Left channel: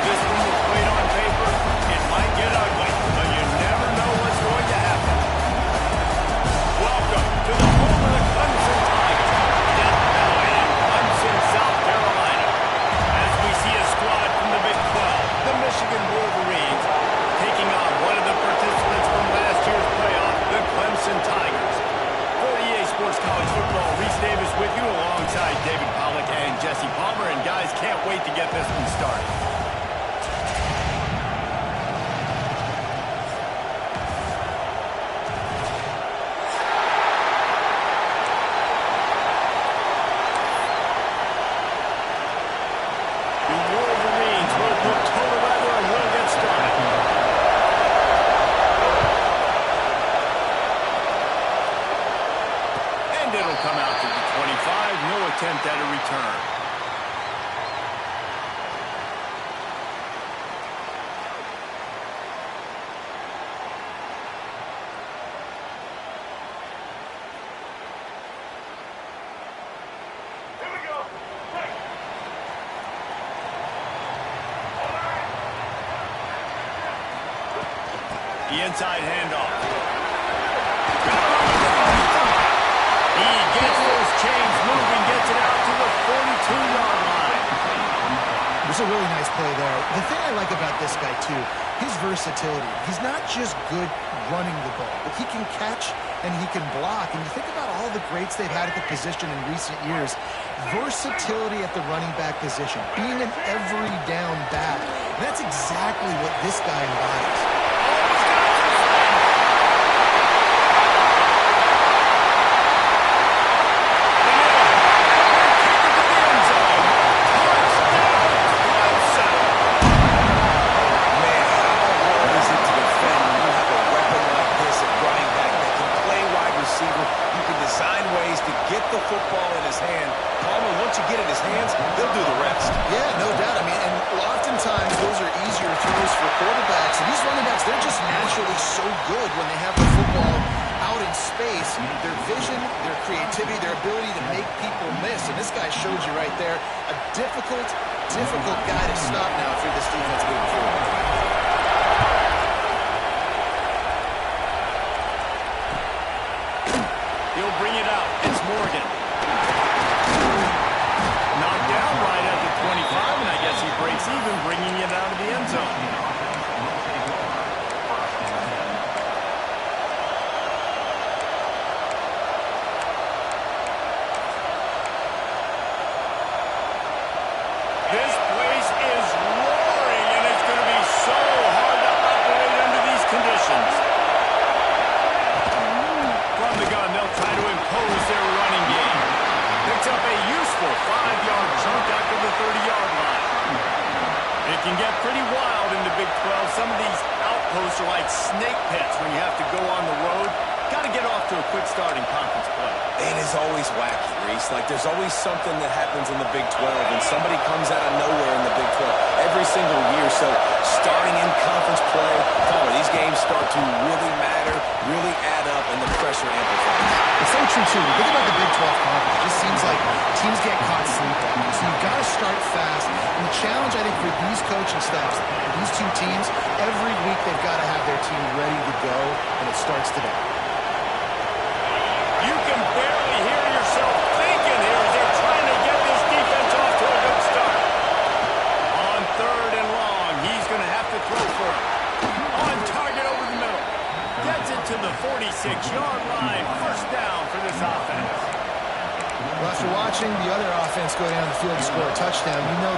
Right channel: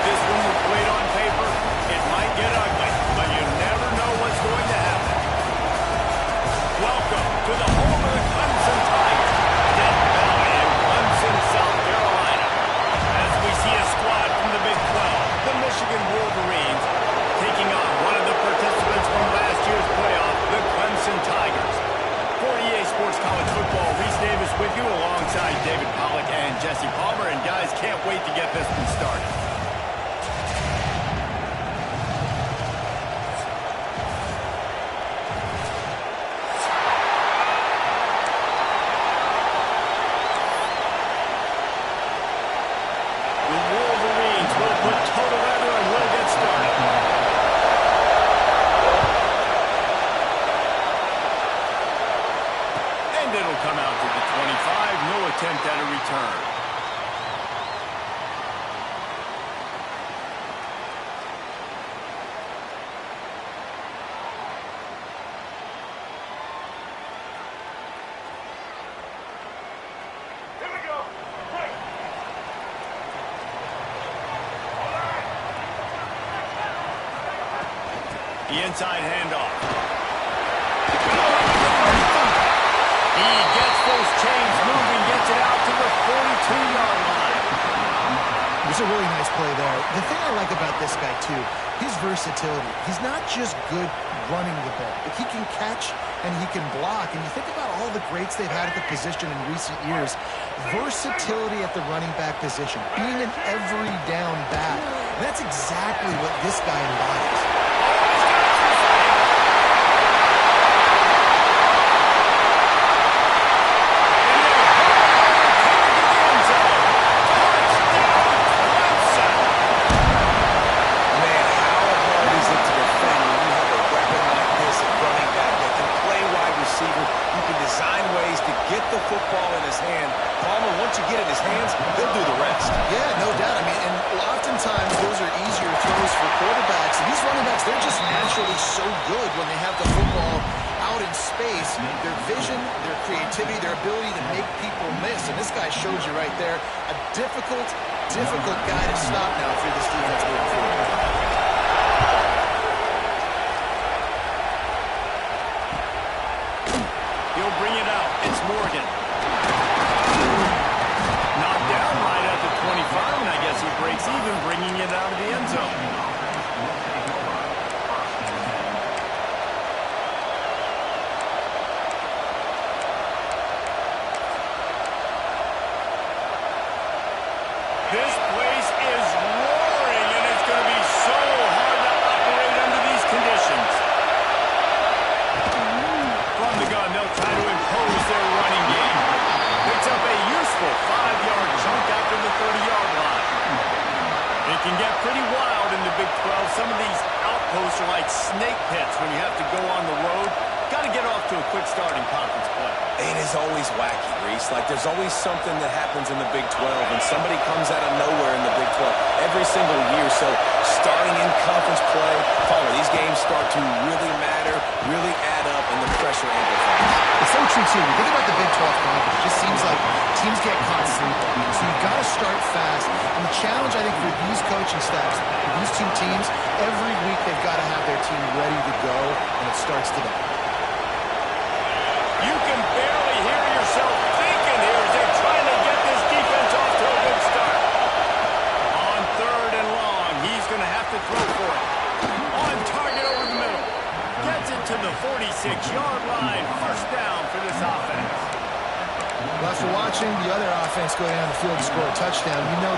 this one were played on paper, it might get ugly, but you never know what's going to happen. Welcome to the home of the Clemson Tigers, Death Valley in Clemson, South Carolina. As we see a squad from the Big 12, the Michigan Wolverines, taking on one of the participants from last year's playoff, the Clemson Tigers. For EA Sports College Football, Reese Davis with you alongside David Pollack and Jesse Palmer. And guys, can't wait to get this one started. The Wolverines will put total weather and we'll get started. It'll come out to the 25. No attempt at a return. Here we go. Break. All right. The inside handoff. He gets those chains moving, gets it out to the 42-yard line. There's a really nice play there. The thing I like about this guy, too, his versatility. He's not just good running the ball, but he can catch and he can block. And you think about all the greats they've had at the position in recent years. Versatility at the running back position, being an every down back. And that's exactly what this guy embodies. You can design ways to get the football in his hand. Palmer, once you get it in his hands, he'll do the rest. Yeah, no doubt. I mean, and oftentimes those are easier throws for quarterbacks. And these running backs, they're just naturally so good when they have the football out in space. Their vision, their creativity, their ability to make people miss. And this guy shows you right there, a difficult guy to stop now if you're this defense moving forward. He'll bring it out. It's Morgan. Knocked down right at the 25, and I guess he breaks even, bringing it out of the end zone. This place is roaring, and it's going to be so hard to operate under these conditions. From the gun, they'll try to impose their running game. Picks up a useful 5-yard chunk after the 30-yard line. It can get pretty wild in the Big 12. Some of these outposts are like snake pits when you have to go on the road. Got to get off to a quick start in conference play. It is always wacky, Reese. Like, there's always something that happens in the Big 12, and somebody comes out of nowhere in the Big 12 every single year. So, starting in conference play, Palmer, these games start to really matter, really add up, and the pressure amplifies. It's so true, too. Think about the Big 12 conference. It just seems like teams get caught sleepwalking. So, you've got to start fast. And the challenge, I think, for these coaching staffs, for these two teams, every week they've got to have their team ready to go, and it starts today. You can barely hear yourself thinking here as they're trying to get this defense off to a good start. On 3rd and long, he's going to have to throw for it. On target over the middle. Gets it to the 46-yard line. First down for this offense. Well, after watching the other offense go down the field to score a touchdown, you know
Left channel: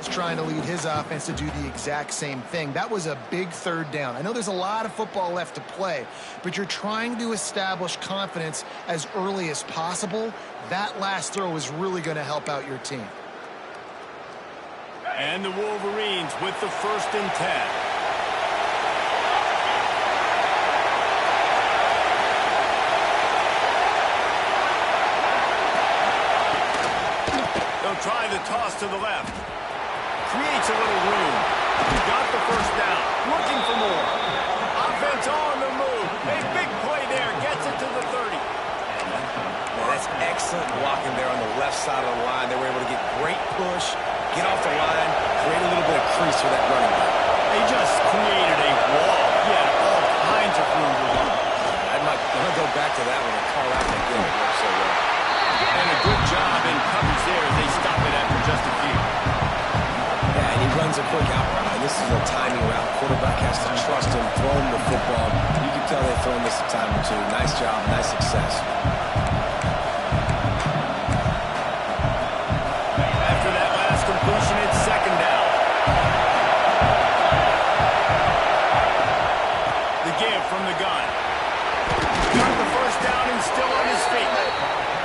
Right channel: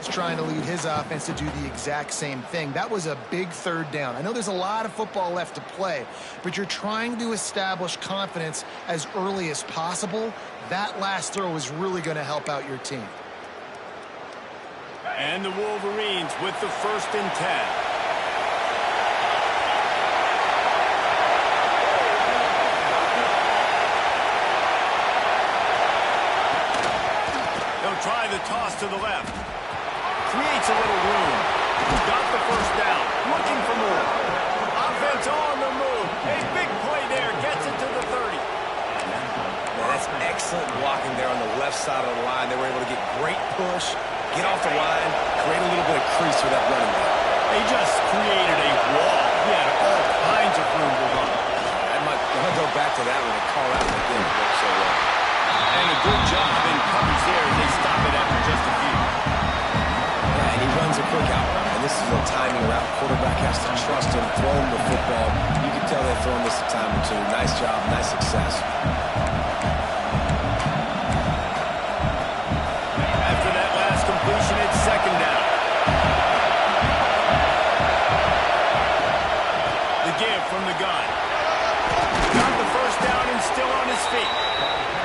is trying to lead his offense to do the exact same thing. That was a big third down. I know there's a lot of football left to play, but you're trying to establish confidence as early as possible. That last throw is really going to help out your team. And the Wolverines with the 1st and 10. They'll try the toss to the left. Creates a little room. Got the 1st down. Looking for more. Offense on the move. A big play there. Gets it to the 30. Man, that's excellent blocking there on the left side of the line. They were able to get great push, get off the line, create a little bit of crease for that running back. They just created a wall. He had all kinds of room to run. I'm going to go back to that one and call out that game. It worked so well. And a good job in coverage there as they stop it after just a few. Yeah, and he runs a quick out route, and this is a timing route. Quarterback has to trust him, throw him the football. You can tell they've thrown this a time or two. Nice job, nice success. After that last completion, it's 2nd down. The give from the gun. Got the 1st down and still on his feet.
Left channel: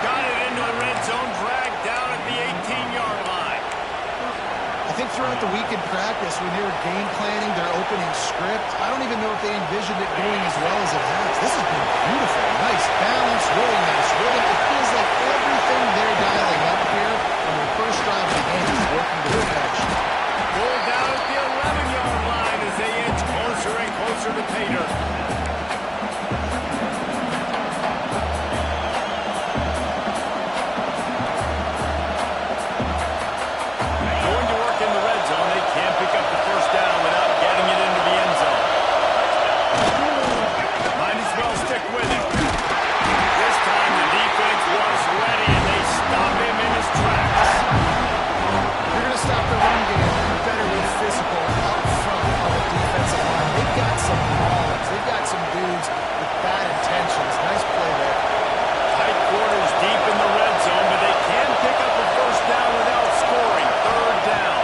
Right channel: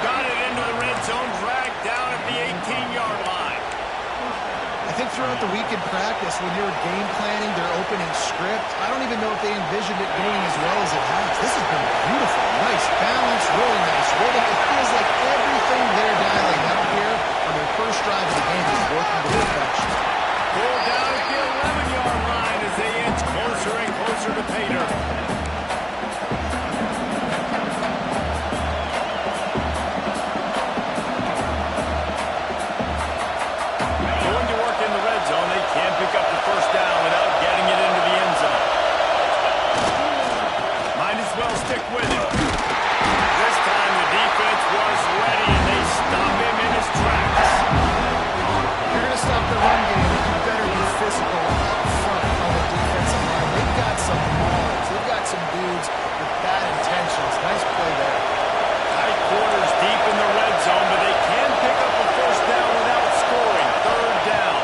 Got it into the red zone, dragged down at the 18-yard line. I think throughout the week in practice, when they were game planning their opening script, I don't even know if they envisioned it going as well as it has. This has been beautiful. Nice balance, really nice rhythm. It feels like everything they're dialing up here on their first drive of the game is working to perfection. Pulled down at the 11-yard line as they inch closer and closer to pay dirt. Can't pick up the 1st down without getting it into the end zone. Might as well stick with it. This time the defense was ready and they stop him in his tracks. If you're going to stop the run game, you better be physical up front on the defensive line. They've got some maulers. They've got some dudes with bad intentions. Nice play there. Tight quarters deep in the red zone, but they can pick up a 1st down without scoring. 3rd down.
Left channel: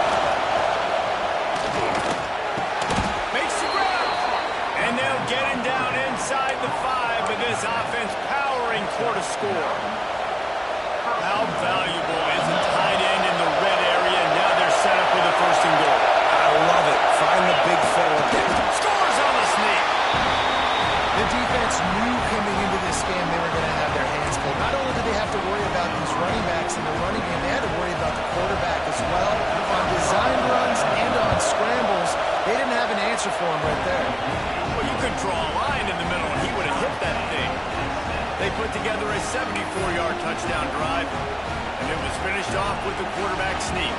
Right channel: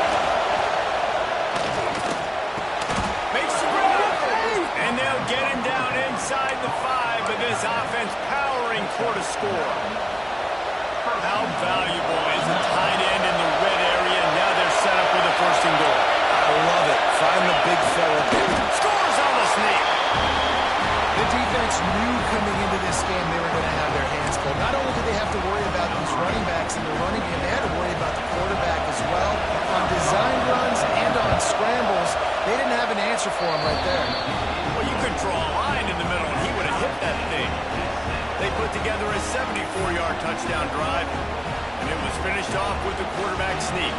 And they'll get him down inside the 5, but this offense powering toward a score. How valuable is a tight end in the red area? Now they're set up with a 1st and goal. I love it. Find the big fella there. Scores on the sneak. The defense knew coming into this game they were going to have their hands full. Not only did they have to worry about these running backs in the running game, they had to worry about the quarterback as well. On design runs and on scrambles, they didn't have an answer for him right there. Well, you could draw a line in the middle and he would have hit that thing. They put together a 74-yard touchdown drive, and it was finished off with the quarterback sneak.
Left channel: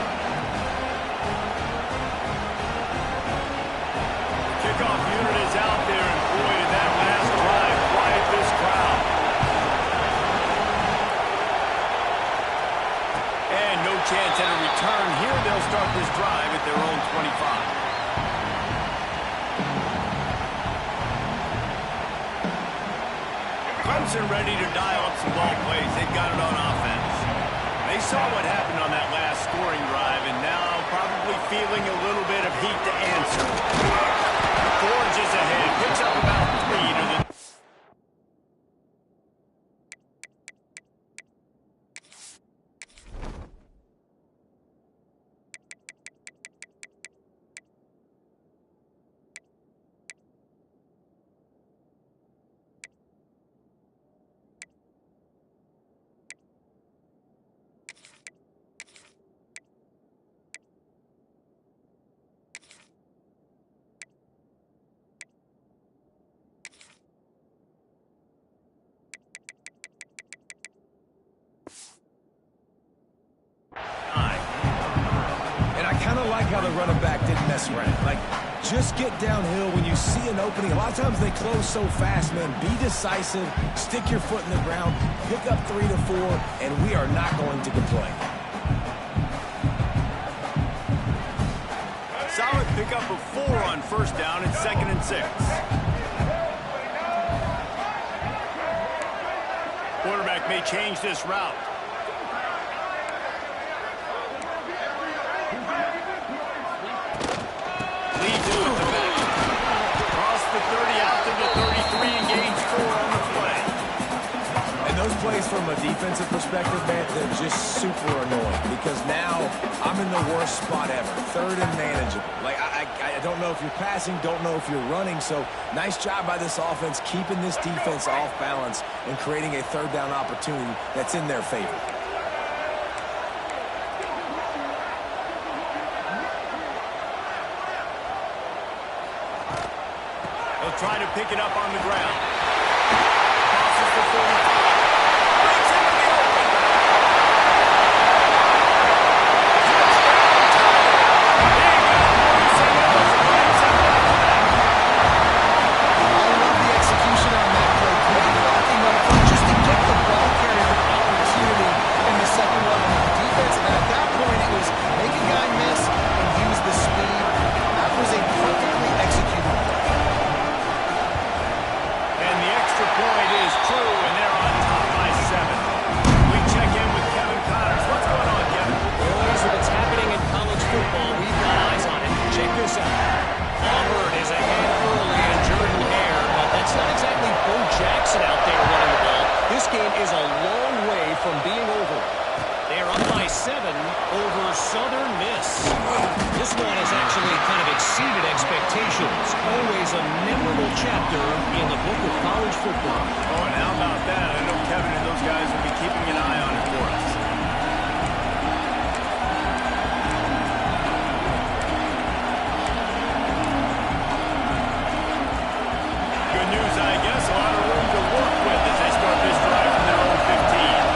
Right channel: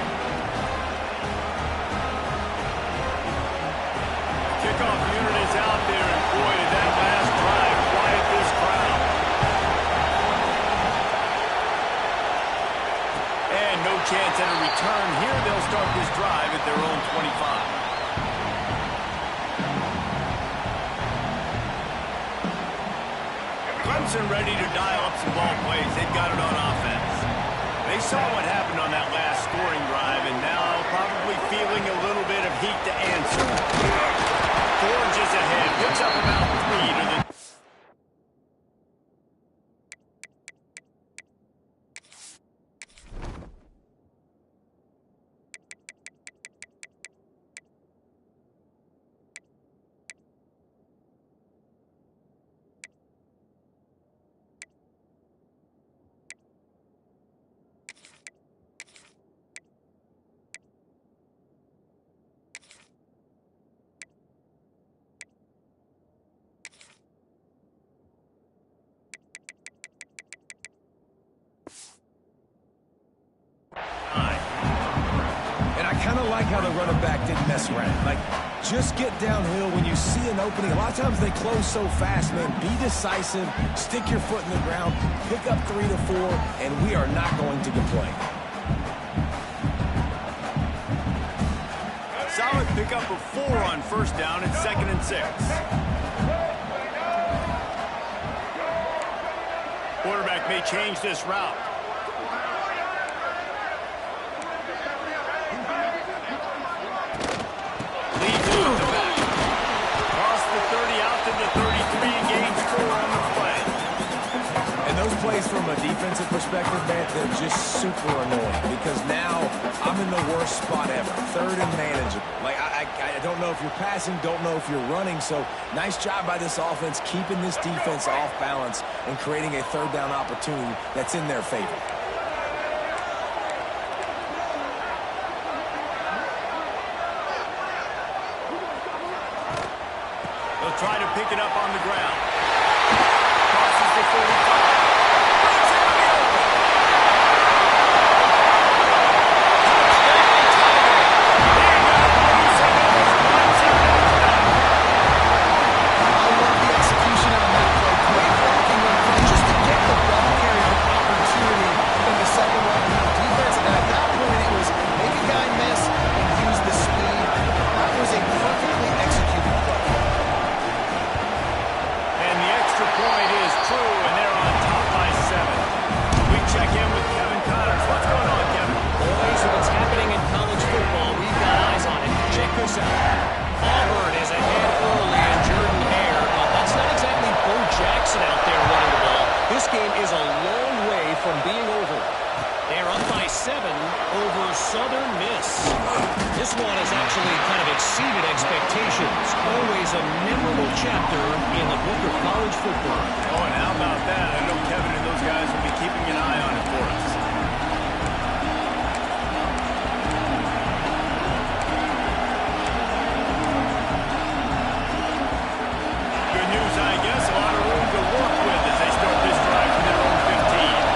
The kickoff unit is out there, and boy, did that last drive quiet this crowd. And no chance at a return here. They'll start this drive at their own 25. Clemson ready to dial up some ball plays. They've got it on offense. They saw what happened on that last scoring drive, and now probably feeling a little bit of heat to answer. Forges ahead, picks up about 3 to the... And I kind of like how the running back didn't mess around. Like, just get downhill when you see an opening. A lot of times they close so fast, man. Be decisive, stick your foot in the ground, pick up 3 to 4, and we are not going to complain. Solid pickup of 4 on 1st down and 2nd and 6. Quarterback may change this route. the 33 and gains 4 on the play. And those plays from a defensive perspective, man, they're just super annoying because now I'm in the worst spot ever. Third and manageable. Like, I don't know if you're passing, don't know if you're running. So nice job by this offense keeping this defense off balance and creating a third down opportunity that's in their favor. They'll try to pick it up on the ground. Crosses the 45. Breaks into the open. Touchdown, Tiger. He got loose and it was lights out after that. I love the execution on that play. Great blocking up front just to get the ball carrier an opportunity in the second level defense. And at that point, it was make a guy miss and use the speed. That was a perfectly executed play. And the extra point is true, and they're on top by 7. We check in with Kevin Connors. What's going on, Kevin? Boys, if it's happening in college football, we've got eyes on it. Check this out. Auburn is ahead early in Jordan Hare, but that's not exactly Bo Jackson out there running the ball. This game is a long way from being over. They're up by 7 over Southern Miss. This one has actually kind of exceeded expectations. Always a memorable chapter in the book of college football. Oh, and how about that? I know Kevin and those guys will be keeping an eye on it for us. Good news, I guess. A lot of room to work with as they start this drive from their own 15.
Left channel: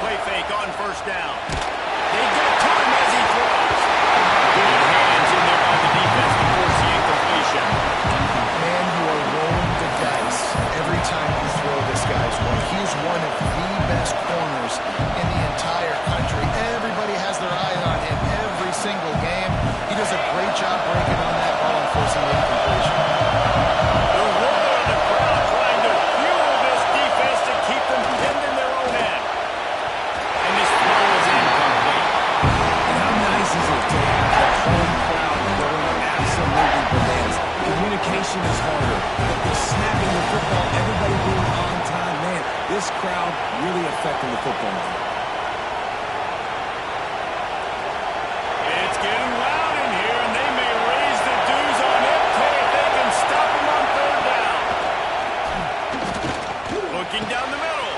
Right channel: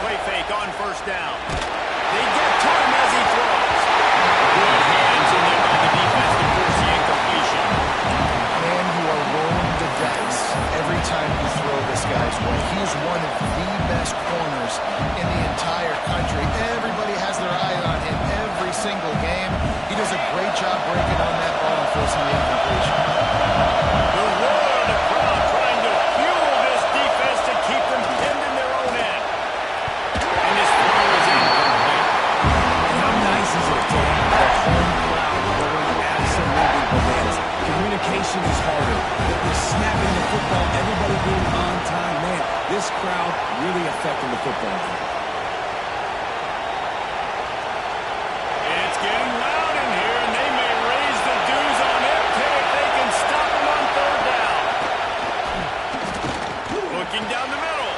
Play fake on first down. They get to him as he throws. Good hands in there by the defense to force the incompletion. Man, you are rolling the dice every time you throw this guy's way. He is one of the best corners in the entire country. Everybody has their eye on him every single game. He does a great job breaking on that ball and forcing the incompletion. The roar of the crowd trying to fuel this defense to keep them pinned in their own end. And this throw is incomplete. And how nice is it to have the home crowd going absolutely bananas? Communication is harder. The snapping the football, everybody being on time. Man, this crowd really affecting the football game. It's getting loud in here, and they may raise the dues on MK if they can stop him on third down. Looking down the middle.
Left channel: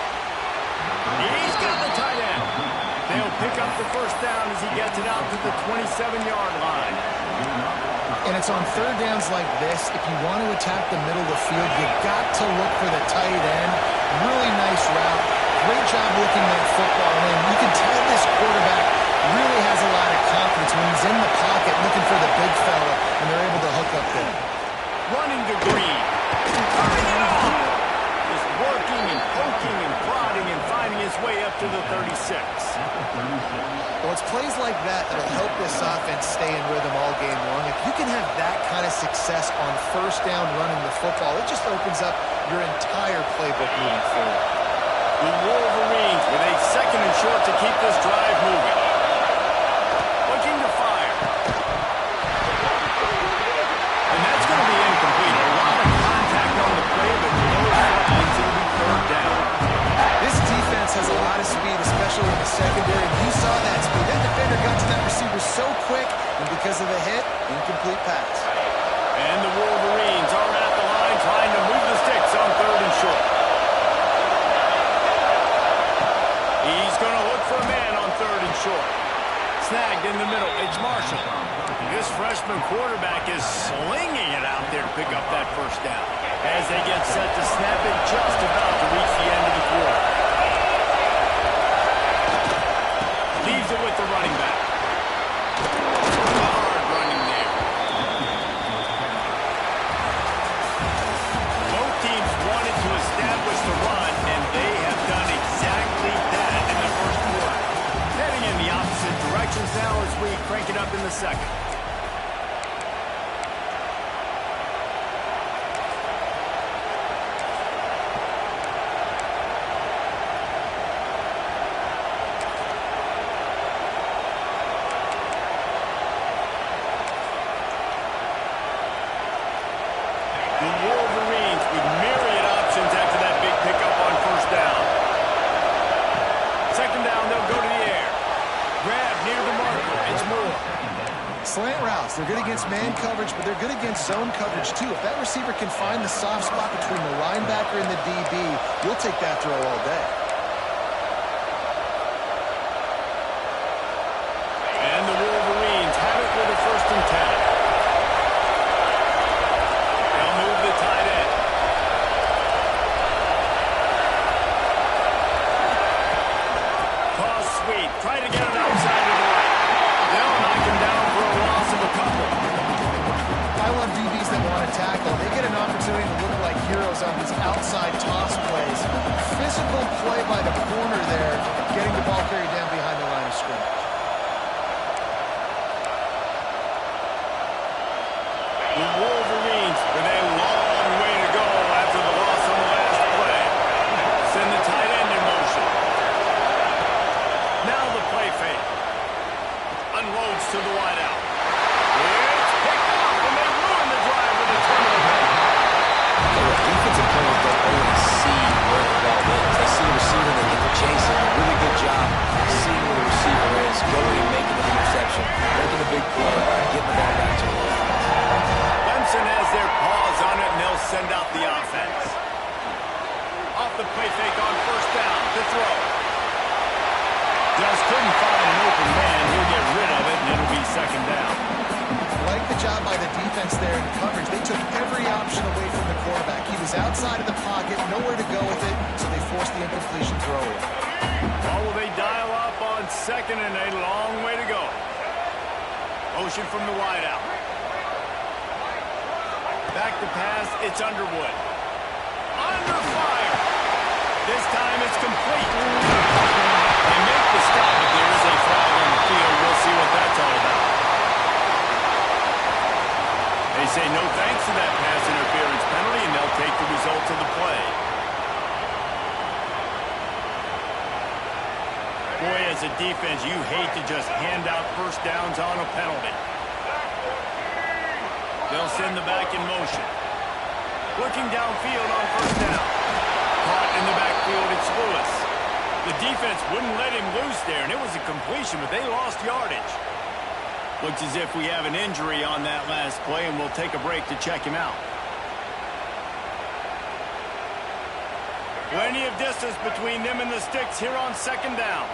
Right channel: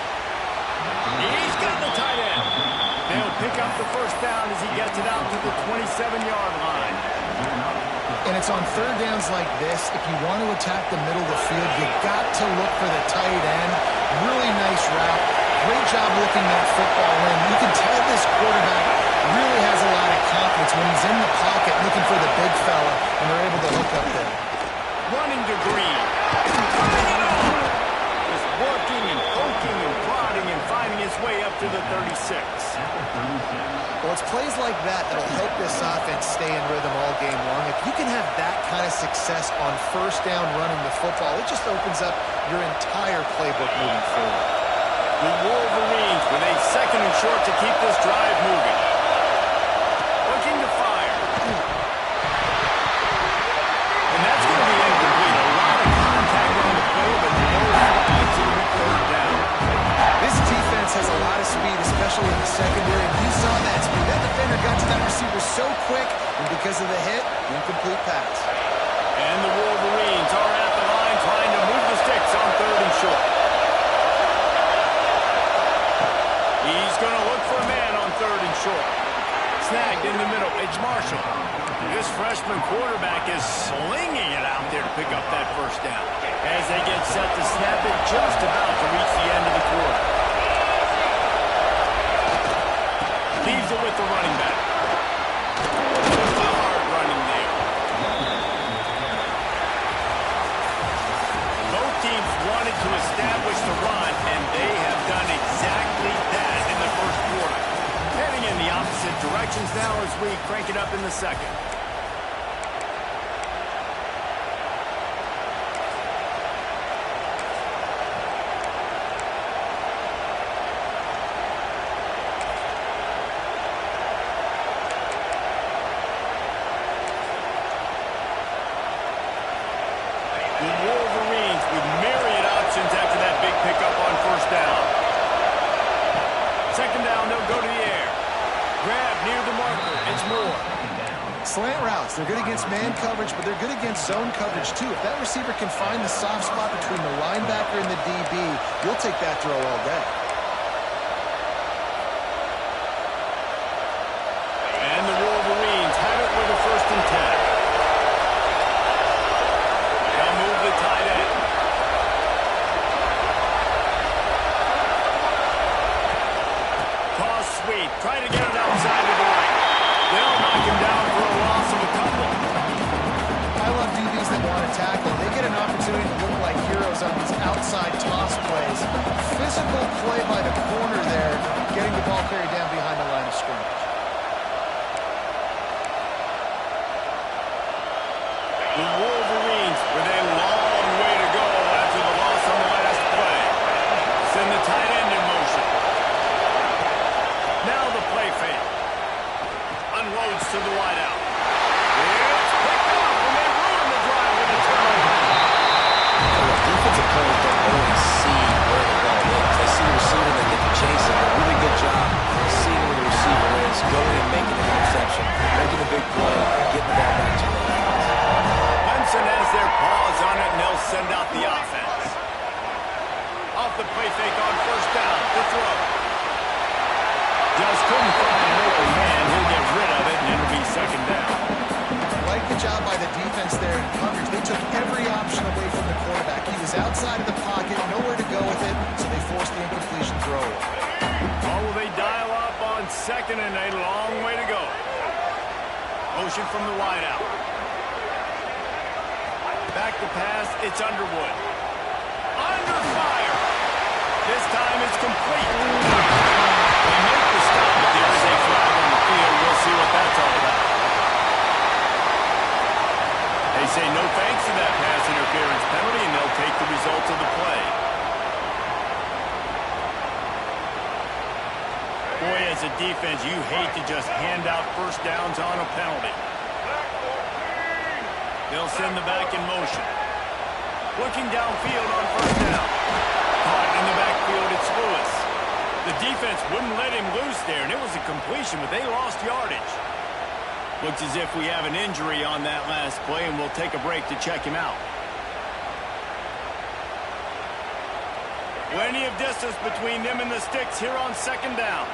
He's got the tight end. They'll pick up the first down as he gets it out to the 27-yard line. And it's on third downs like this. If you want to attack the middle of the field, you got to look for the tight end. Really nice route. Great job looking that football in. You can tell this quarterback really has a lot of confidence when he's in the pocket looking for the big fella, and they're able to hook up there. Running to Green. Turning it on. Just working and poking and prodding and finding his way up to the 36. Well, it's plays like that that'll help this offense stay in rhythm all game long. If you can have that kind of success on first down running the football, it just opens up your entire playbook moving forward. The Wolverines with a second and short to keep this drive moving. Looking to fire. And that's going to be incomplete. A lot of contact on the play, but no flags. It'll be third down. This defense has a lot of speed, especially in the secondary, and you saw that speed. That defender got to that receiver so quick, and because of the hit, incomplete pass. And the Wolverines are at the line trying to move the sticks on third and short. He's going to look for a man on third and short. Snagged in the middle. It's Marshall. This freshman quarterback is slinging it out there to pick up that first down. As they get set to snap it, just about to reach the end of the quarter. Leaves it with the running back. Hard running there. Both teams wanted to establish the run, and they have done exactly that in the first quarter. Heading in the opposite directions now as we crank it up in the second. pick up on first down. Second down, they'll go to the air. Grab near the marker. It's Moore. Slant routes, they're good against man coverage, but they're good against zone coverage too. If that receiver can find the soft spot between the linebacker and the DB, you'll take that throw all day. And the Wolverines have it with a 1st and 10. They'll move the tight end. Toss sweep. Try to get it outside to the right. They'll knock him down for a loss of a couple. I love DBs that want to tackle. They get an opportunity to look like heroes on these outside toss plays. Physical play by the corner there, getting the ball carried down behind the line of scrimmage. The Wolverines with a long way to go after the loss on the last play. Send the tight end in motion. Now the play fake. Unloads to the wideout. It's picked up, and they ruin the drive with a turnover. Defensive players don't always see where the ball is. They see the receiver, they get to chase him. A really good job seeing where the receiver is, going and making an interception, making a big play, getting the ball back to the offense. Clemson has their paws on it, and they'll send out the offense. Off the play fake on first down to throw. Just couldn't find an open man. He'll get rid of it, and it'll be second down. Like the job by the defense there in coverage. They took every option away from the quarterback. He was outside of the pocket, nowhere to go with it, so they forced the incompletion throw. Or will they dial up on second and a long way to go? Motion from the wideout. Back to pass, it's Underwood. Under fire. This time it's complete. They make the stop, but there is a flag on the field. We'll see what that's all about. They say no thanks to that pass interference penalty, and they'll take the results of the play. Boy, as a defense, you hate to just hand out first downs on a penalty. They'll send the back in motion. Looking downfield on first down. Caught in the backfield, it's Lewis. The defense wouldn't let him loose there, and it was a completion, but they lost yardage. Looks as if we have an injury on that last play, and we'll take a break to check him out. Plenty of distance between them and the sticks here on second down.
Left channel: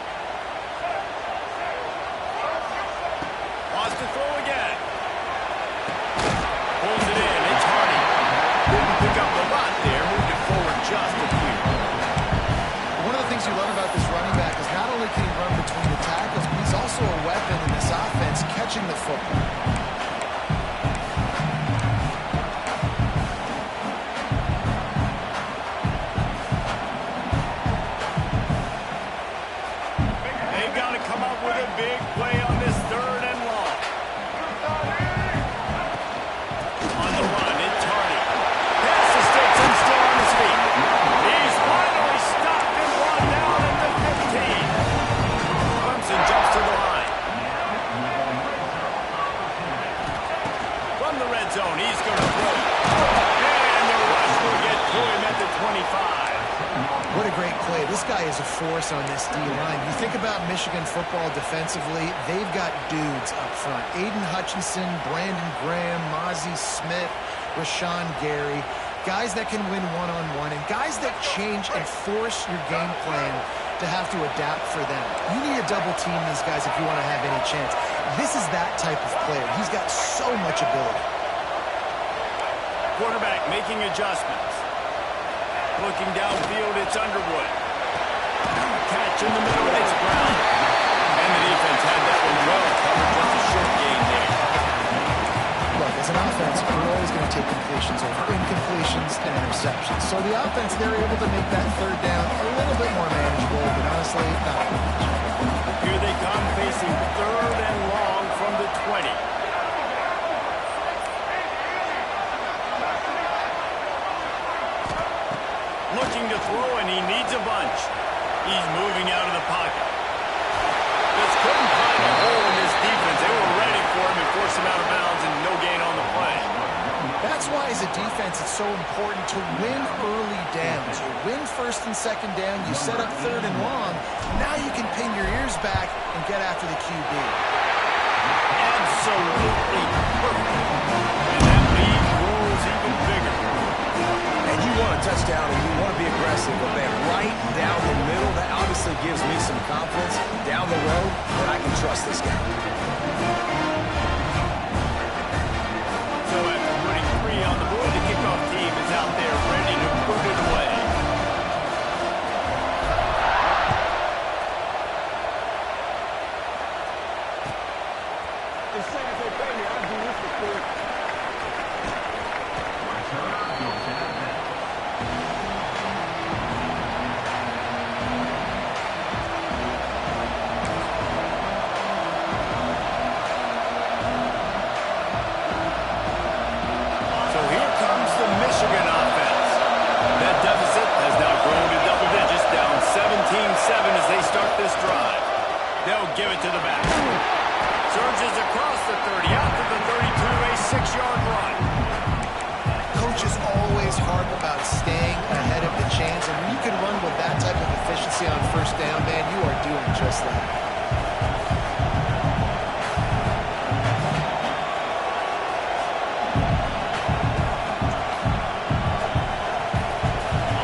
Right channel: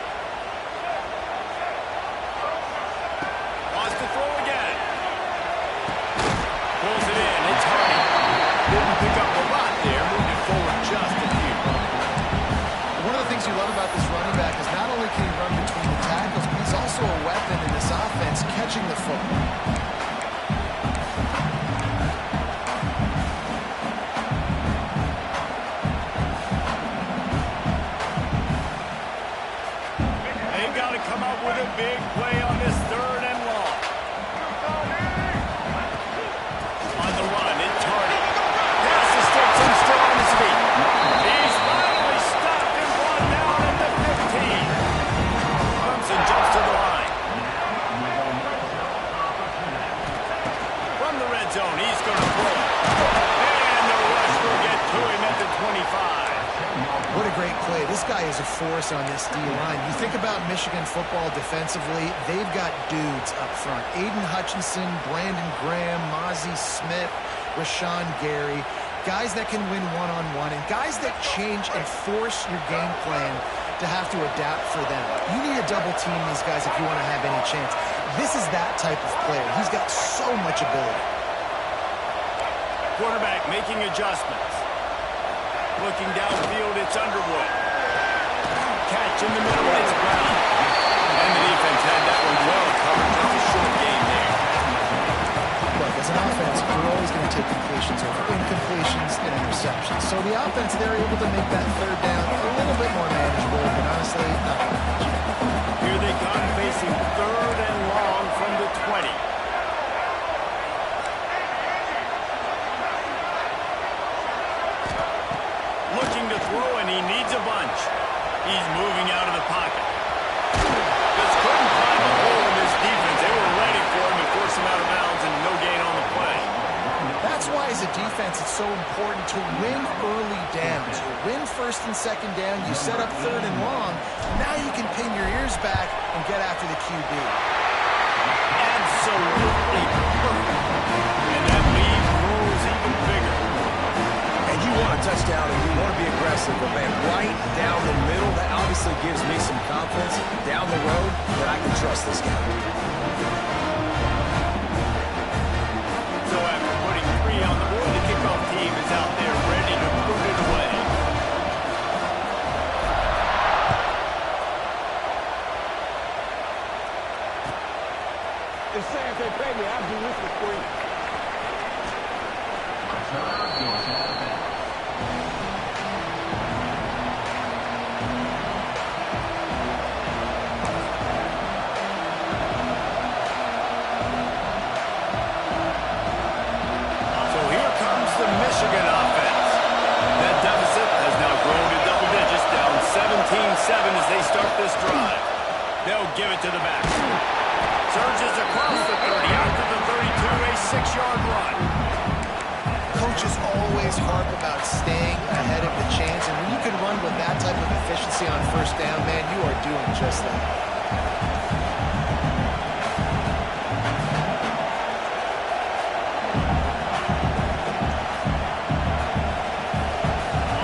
Wants to throw again. Pulls it in. It's Hardy. Didn't pick up a lot there. Moved it forward just a few. One of the things you love about this running back is not only can he run between the tackles, but he's also a weapon in this offense, catching the football. They've got to come up with a big play on this third and long. On the run, it's Hardy. Past the sticks and still on his feet. He's finally stopped and brought down at the 15. Clemson jumps to the line. From the red zone, he's going to throw. And the rush will get to him at the 25. What a great play. This guy is a force on this D-line. You think about Michigan football defensively, they've got dudes up front. Aiden Hutchinson, Brandon Graham, Mozzie Smith, Rashawn Gary. Guys that can win one-on-one and guys that change and force your game plan to have to adapt for them. You need to double team these guys if you want to have any chance. This is that type of player. He's got so much ability. Quarterback making adjustments. Looking downfield, it's Underwood. Catch in the middle, it's Brown. And the defense had that one well covered, just a short gain there. Look, as an offense, we're always going to take completions over incompletions and interceptions. So the offense, they're able to make that third down a little bit more manageable, but honestly, not much. Here they come, facing third and long from the 20. Looking to throw, and he needs a bunch. He's moving out of the pocket. Just couldn't find a hole in this defense. They were ready for him and forced him out of bounds, and no gain on the play. That's why why as a defense it's so important to win early downs. You win first and second down, you set up third and long. Now you can pin your ears back and get after the QB. Absolutely perfect. And that lead grows even bigger. And you want a touchdown and you want to be aggressive, but man, right down the middle, that obviously gives me some confidence down the road that I can trust this guy. So after putting 3 on the board, the kickoff team is out there ready to put it away. They say if they pay me, I'll do this for free. Returner goes out of bounds. So here comes the Michigan offense. That deficit has now grown to double digits, down 17-7 as they start this drive. They'll give it to the back. Surges across the 30, out to the 32, a 6-yard run. Coaches always harp about staying ahead of the chains, and when you can run with that type of efficiency on first down, man, you are doing just that.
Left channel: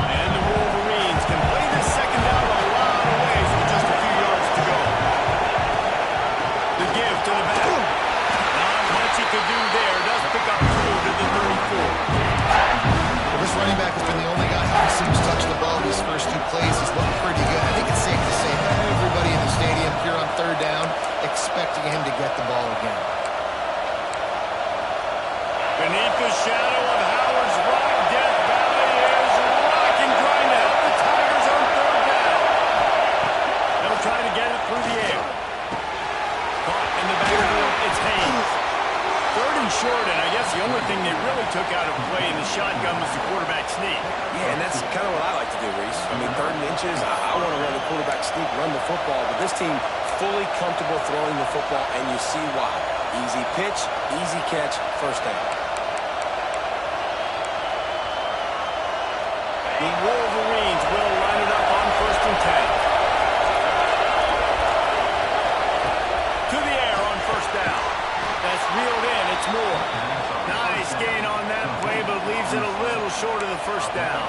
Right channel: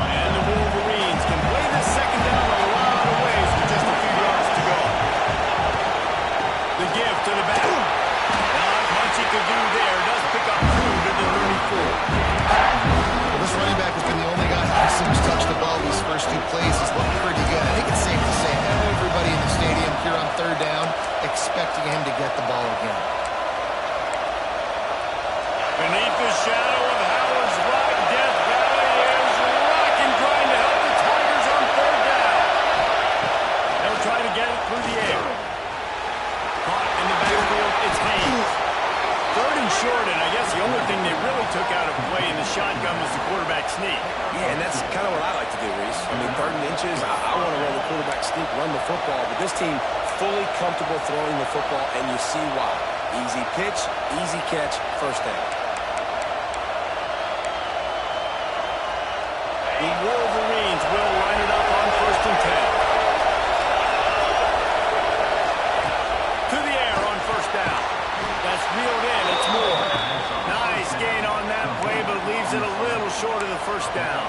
And the Wolverines can play this second down a lot of ways with just a few yards to go. The give to the back. Not much he could do there. Does pick up 2 to the 34. Well, this running back has been the only guy who's touched the ball these first 2 plays. He's looked pretty good. I think it's safe to say everybody in the stadium here on third down expecting him to get the ball again. Beneath the shadow of Howard's Rock, Death Valley is rocking, trying to help the Tigers on third down. They'll try to get it through the air. Caught in the backfield, it's Haynes. Third and short, and I guess the only thing they really took out of play in the shotgun was the quarterback sneak. Yeah, and that's kind of what I like to do, Reese. I mean, 3rd and inches, I want to run the quarterback sneak, run the football, but this team fully comfortable throwing the football, and you see why. Easy pitch, easy catch, first down. The Wolverines will line it up on 1st and 10. To the air on first down. That's reeled in. It's Moore. Nice gain on that play, but leaves it a little short of the first down.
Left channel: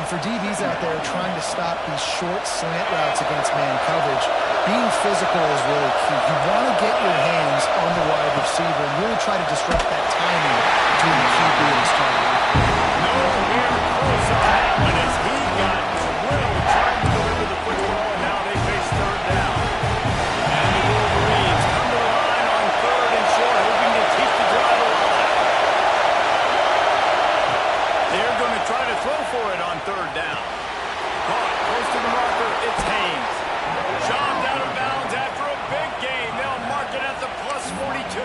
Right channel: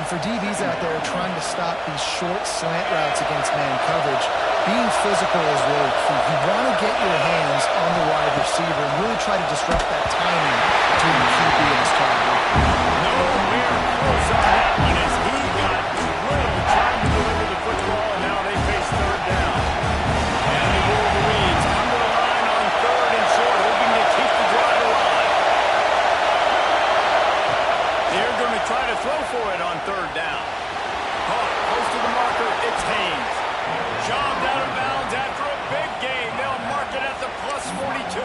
And for DBs out there trying to stop these short slant routes against man coverage, being physical is really key. You want to get your hands on the wide receiver and really try to disrupt that timing between the QB and his target. Nowhere close on that one as he got drilled trying to deliver the football, and now they face third down. And the Wolverines come to the line on 3rd and short, hoping to keep the drive alive. They're going to try to throw for it on 3rd down. Caught close to the marker, it's Haynes. Shoved out of bounds after a big gain. They'll mark it at the plus 42.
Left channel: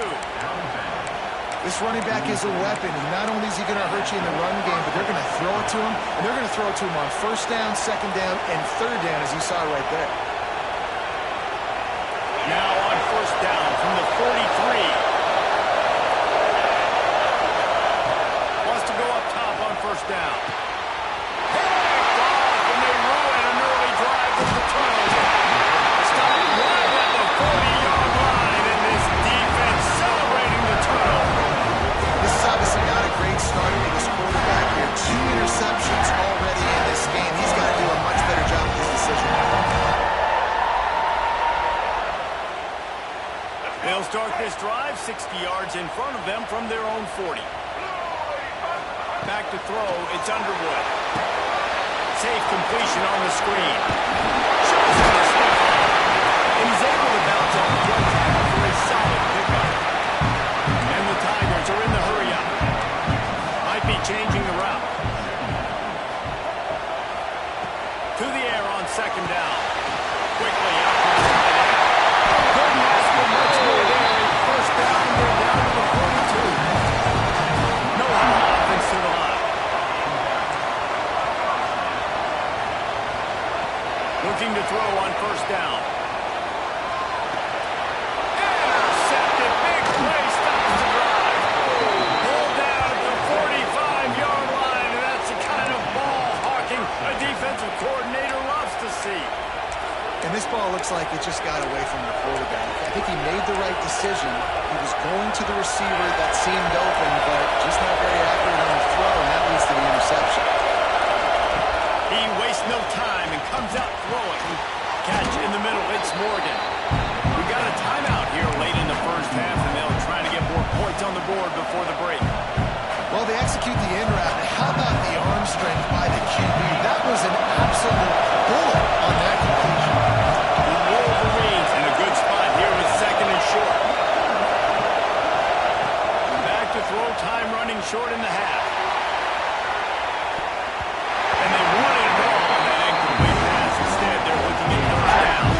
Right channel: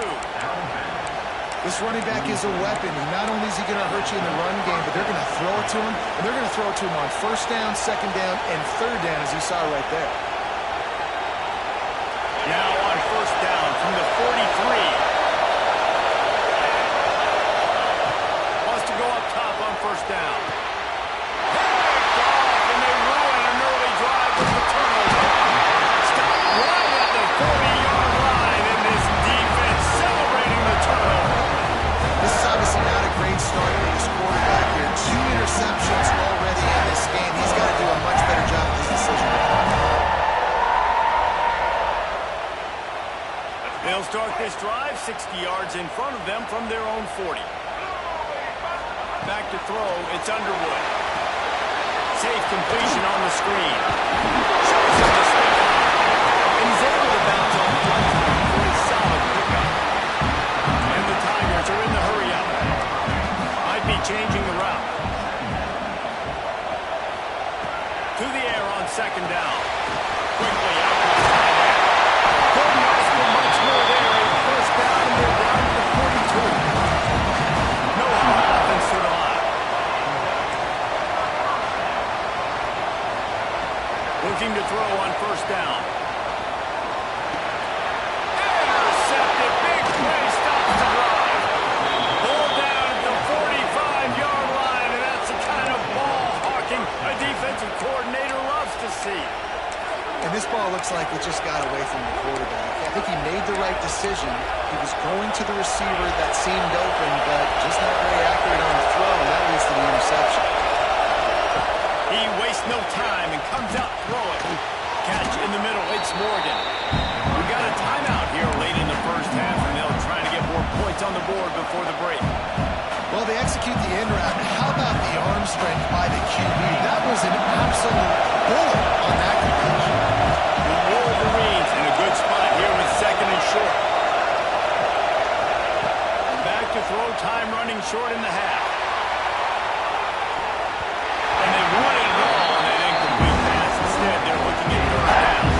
This running back is a weapon. Not only is he going to hurt you in the run game, but they're going to throw it to him, and they're going to throw it to him on 1st down, 2nd down, and 3rd down, as you saw right there. Now on 1st down from the 43. Wants to go up top on 1st down. Picked off, and they ruin an early drive with the turnover. Stopped right at the 40-yard line, and this defense celebrating the turnover. This is obviously not a great start for this quarterback here. 2 interceptions already in this game. He's got to do a much better job with his decision-making. They'll start this drive 60 yards in front of them from their own 40. Back to throw, it's Underwood. Safe completion on the screen. Shows him the stiff arm. And he's able to bounce off one tackle for a solid pickup. And the Tigers are in the hurry-up. Might be changing the route. To the air on 2nd down. Quickly out to the tight end. Couldn't ask for much more there. A 1st down, and they're down to the 42. No huddle offense to the line. Looking to throw on 1st down. Intercepted. Big play stops the drive. Pulled down at the this ball looks like it just got away from the quarterback. I think he made the right decision. He was going to the receiver that seemed open, but just not very accurate on the throw, and that leads to the interception. He wastes no time and comes out throwing. Catch in the middle. It's Morgan. We got a timeout here late in the first half, and they'll try to get more points on the board before the break. Well, they execute the in route. How about the arm strength by the QB? That was an absolute bullet on that completion. The Wolverines in a good spot here with second and short. Back to throw, time running short in the half. And they wanted it all on that incomplete pass. Instead, they're looking at third down.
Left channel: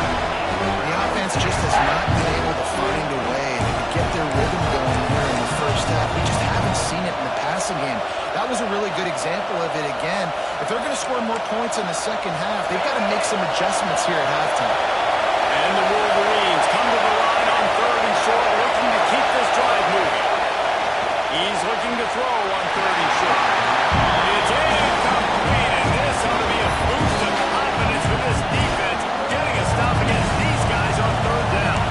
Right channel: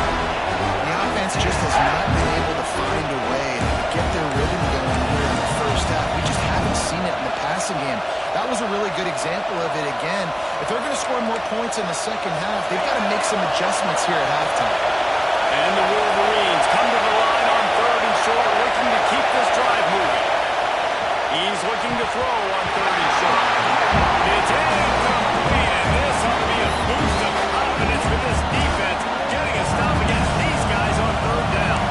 The offense just has not been able to find a way to get their rhythm going here in the first half. We just haven't seen it in the passing game. That was a really good example of it again. If they're going to score more points in the second half, they've got to make some adjustments here at halftime. And the Wolverines come to the line on third and short, looking to keep this drive moving. He's looking to throw on third and short. It's incomplete, and this ought to be a boost of confidence for this defense, getting a stop against these guys on third down.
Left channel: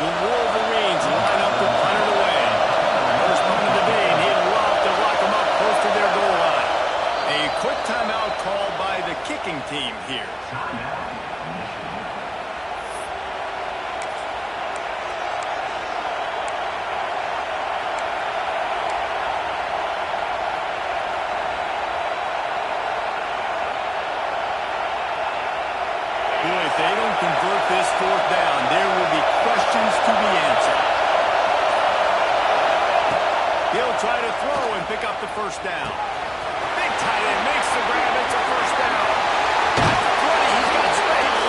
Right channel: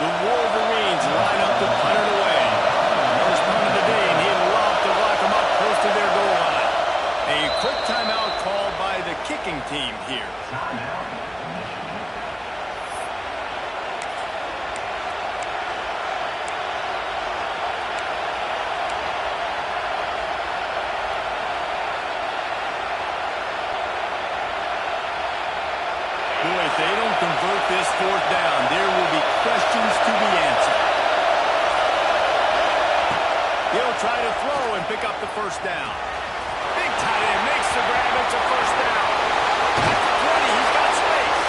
The Wolverines line up to punt it away. First punt of the day, and he'd love to lock them up close to their goal line. A quick timeout called by the kicking team here. Timeout, Michigan. Boy, if they don't convert this fourth down, there will be questions to be answered. He'll try to throw and pick up the first down. Big tight end makes the grab. It's a first down. At the 20, he's got space.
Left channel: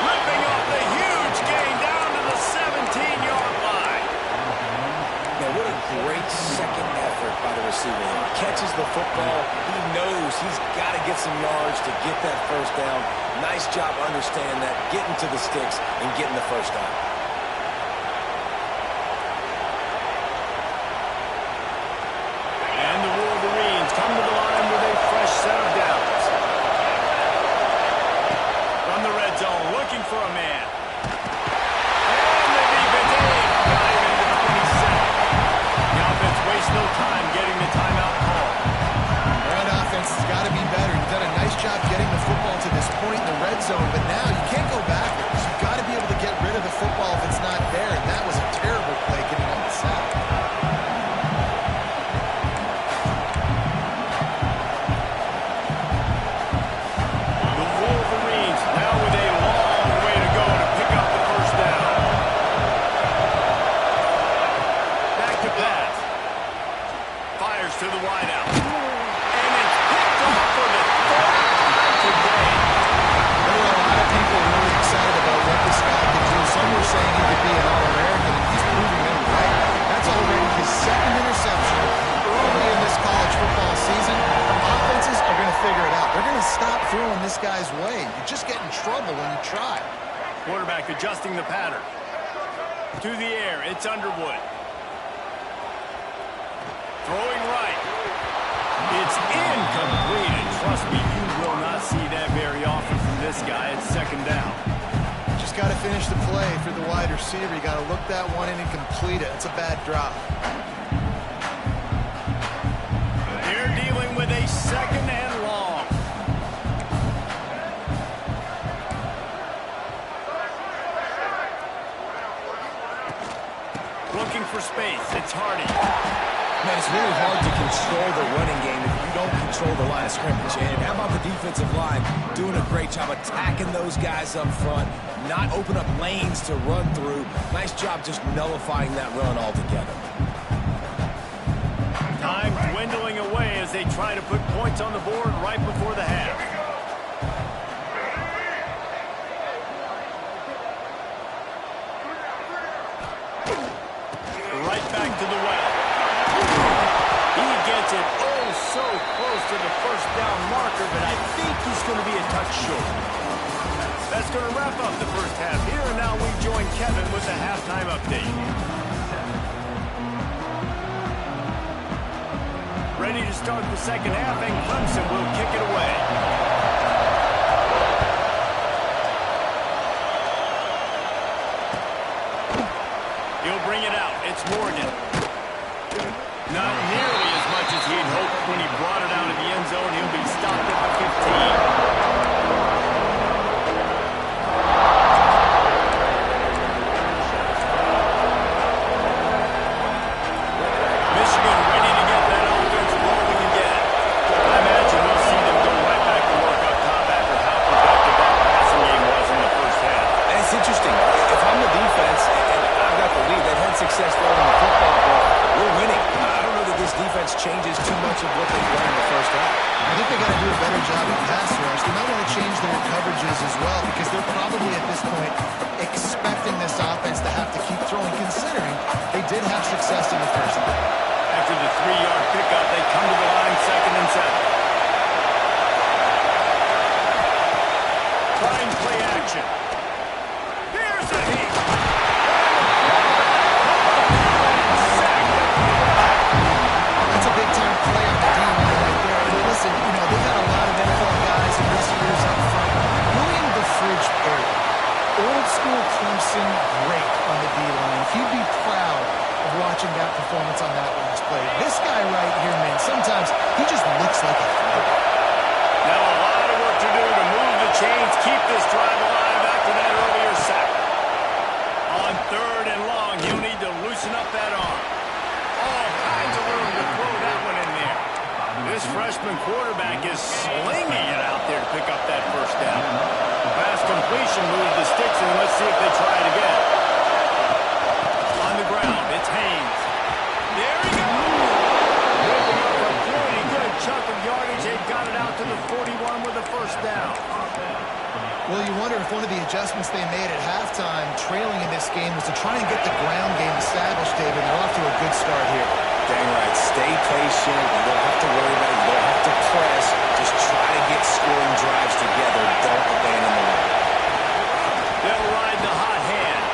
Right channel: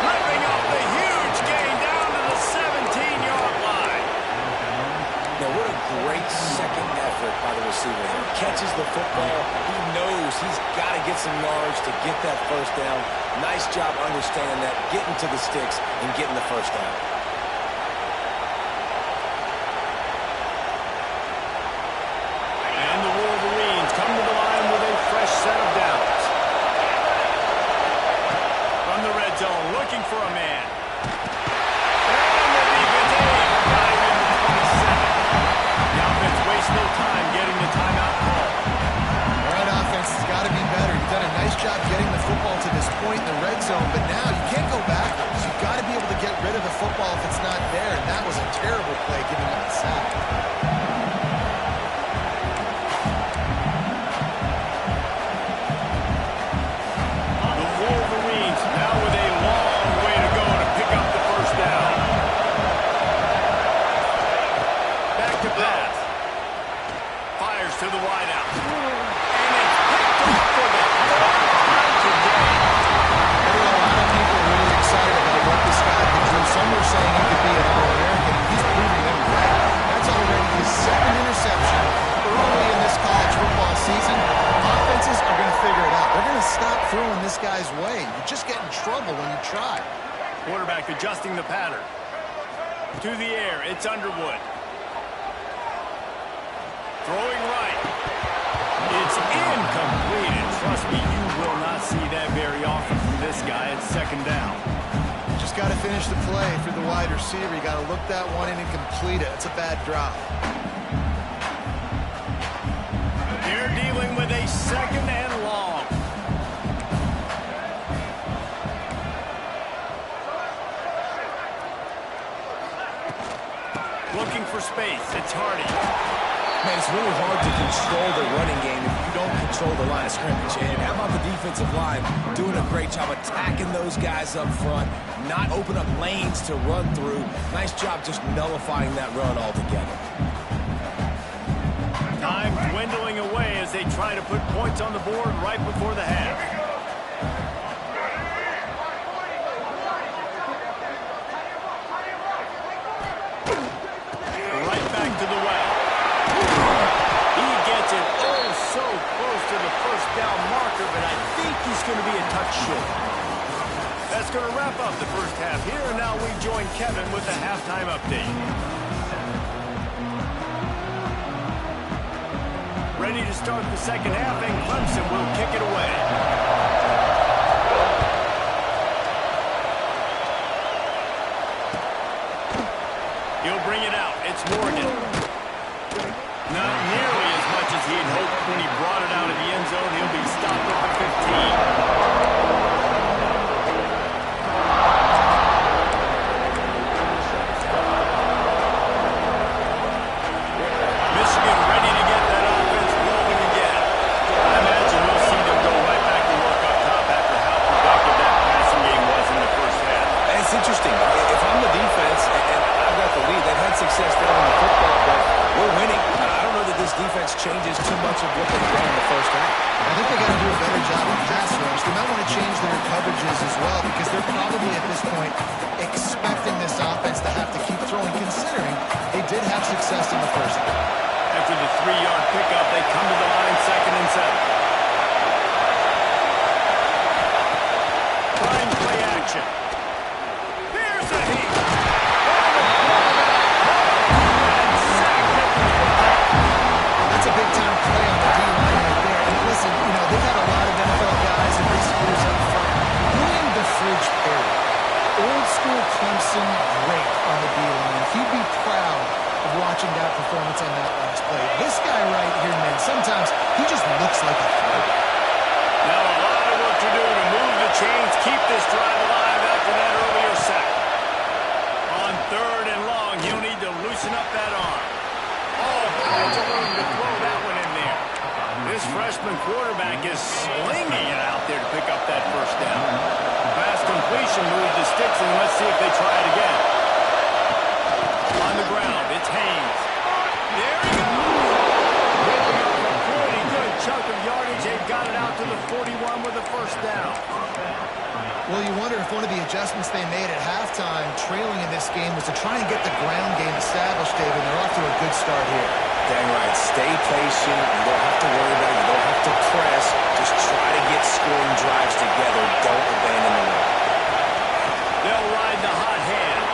Ripping off the huge gain down to the 17-yard line. Now, what a great second effort by the receiver there. Catches the football. He knows he's got to get some yards to get that first down. Nice job understanding that, getting to the sticks and getting the first down. And the Wolverines come to the line with a fresh set of downs. From the red zone, looking for a man. And the defense got him into 27. The offense wastes no time getting the timeout call. All right, offense has got to be better. You've done a nice job getting the football to this point in the red zone, but now you can't go backwards. You've got to be able to get rid of the football if it's not there, and that was a terrible play giving up the sack. The Wolverines now with a long way to go to pick up the first down. Back to pass. Fires to the wideout. And it's picked off for the third time today. There were a lot of people really excited about what this guy could do. Some were saying he could be an All-American, and he's proving them right. That's already his second interception early in this college football season. Offenses are going to figure it out. They're going to stop throwing this guy's way. You just get in trouble when you try. Quarterback adjusting the pattern. To the air, it's Underwood. Throwing right. It's incomplete, and trust me, you will not see that very often from this guy at second down. Just got to finish the play for the wide receiver. You got to look that one in and complete it. It's a bad drop. They're dealing with a second and long. Looking for space. It's Hardy. Man, it's really hard to control the running game if you don't control the line of scrimmage. And how about the defensive line doing a great job attacking those guys up front, not open up lanes to run through. Nice job just nullifying that run altogether. Time dwindling away as they try to put points on the board right before the half. Right back to the well. He gets it so close to the first down marker, but I think he's going to be a touch short. That's going to wrap up the first half here, and now we join Kevin with the halftime update. ready to start the second half, and Clemson will kick it away. He'll bring it out. It's Morgan. Not nearly as much as he'd hoped when he brought it out of the end zone. He'll be stopped at the 15. Michigan ready to get that offense rolling again. I imagine we'll see them go right back to work up top after how productive that passing game was in the first half. And it's interesting. If I'm the defense and I've got the lead, they've had success there in the football, but we're winning. I don't know that this defense changes too much of what they've done in the first half. I think they got to do a better job of pass rush. They might want to change their coverages as well because they're probably at this point expecting this offense to have to keep throwing, considering they did have success in the first half. After the 3-yard pickup, they come to the line, 2nd and 7. Trying play action. Here's a heat. And the quarterback come up and sacked at the 5. That's a big-time play on the D-line right there. And listen, you know, they've had a lot of NFL guys in recent years up front. William the Fridge Perry, old-school Clemson great on the D-line. He'd be proud of watching that performance on that last play. This guy right here, man, sometimes he just looks like a threat. Now a lot of work to do to move the chains, keep this drive alive after that earlier sack. On 3rd and long, he'll need to loosen up that arm. All kinds of room to throw that one in there. This freshman quarterback is slinging it out there to pick up that first down. Pass completion moves the sticks, and let's see if they try it again. On the ground, it's Haynes. There he goes! Ripping up a pretty good chunk of yardage. They got it out to the 41 with a first down. Well, you wonder if one of the adjustments they made at halftime, trailing in this game, was to try and get the ground game established, David. And they're off to a good start here. Dang right. Stay patient. You don't have to worry about it. You don't have to press. Just try to get scoring drives together. Don't abandon the run. They'll ride the hot hand.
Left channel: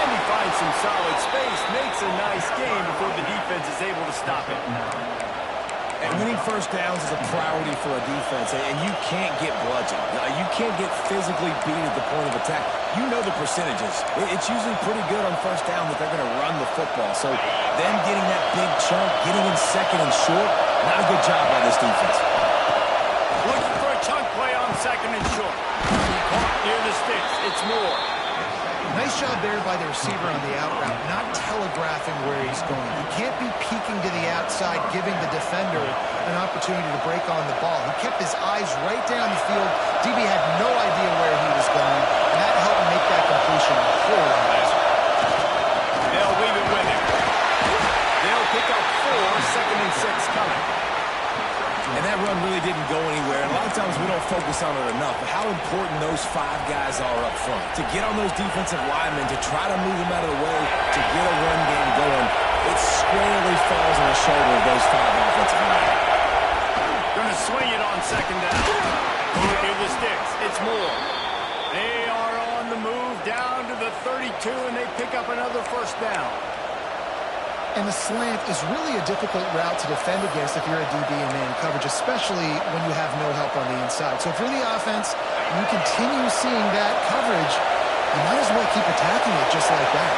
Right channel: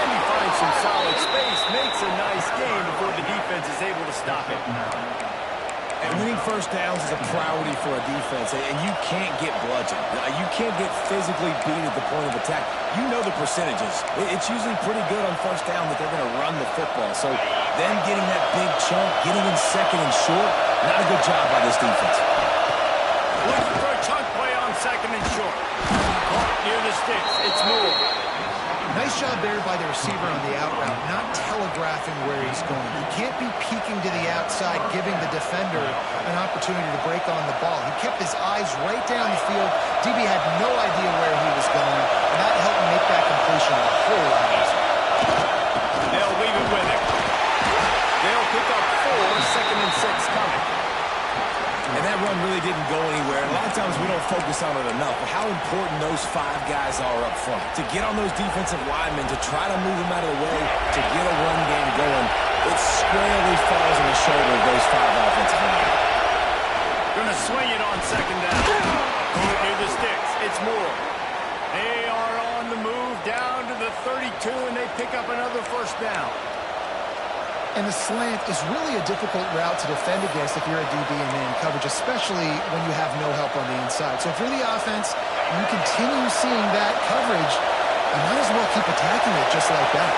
And he finds some solid space. Makes a nice game before the defense is able to stop it. And winning first downs is a priority for a defense, and you can't get bludgeoned. You can't get physically beat at the point of attack. You know the percentages. It's usually pretty good on first down that they're going to run the football. So them getting that big chunk, getting in 2nd and short, not a good job by this defense. Looking for a chunk play on 2nd and short. Caught near the sticks. It's Moore. Nice job there by the receiver on the out route, not telegraphing where he's going. He can't be peeking to the outside, giving the defender an opportunity to break on the ball. He kept his eyes right down the field. DB had no idea where he was going, and that helped make that completion a whole lot easier. They'll leave it with him. They'll pick up 4, 2nd and 6 coming. And that run really didn't go anywhere. And a lot of times we don't focus on it enough, but how important those 5 guys are up front. To get on those defensive linemen, to try to move them out of the way, to get a run game going, it squarely falls on the shoulder of those 5 offensive linemen. Gonna swing it on 2nd down. Going near the sticks. It's Moore. They are on the move down to the 32, and they pick up another first down. And the slant is really a difficult route to defend against if you're a DB in man coverage, especially when you have no help on the inside. So if you're the offense and you continue seeing that coverage, you might as well keep attacking it just like that.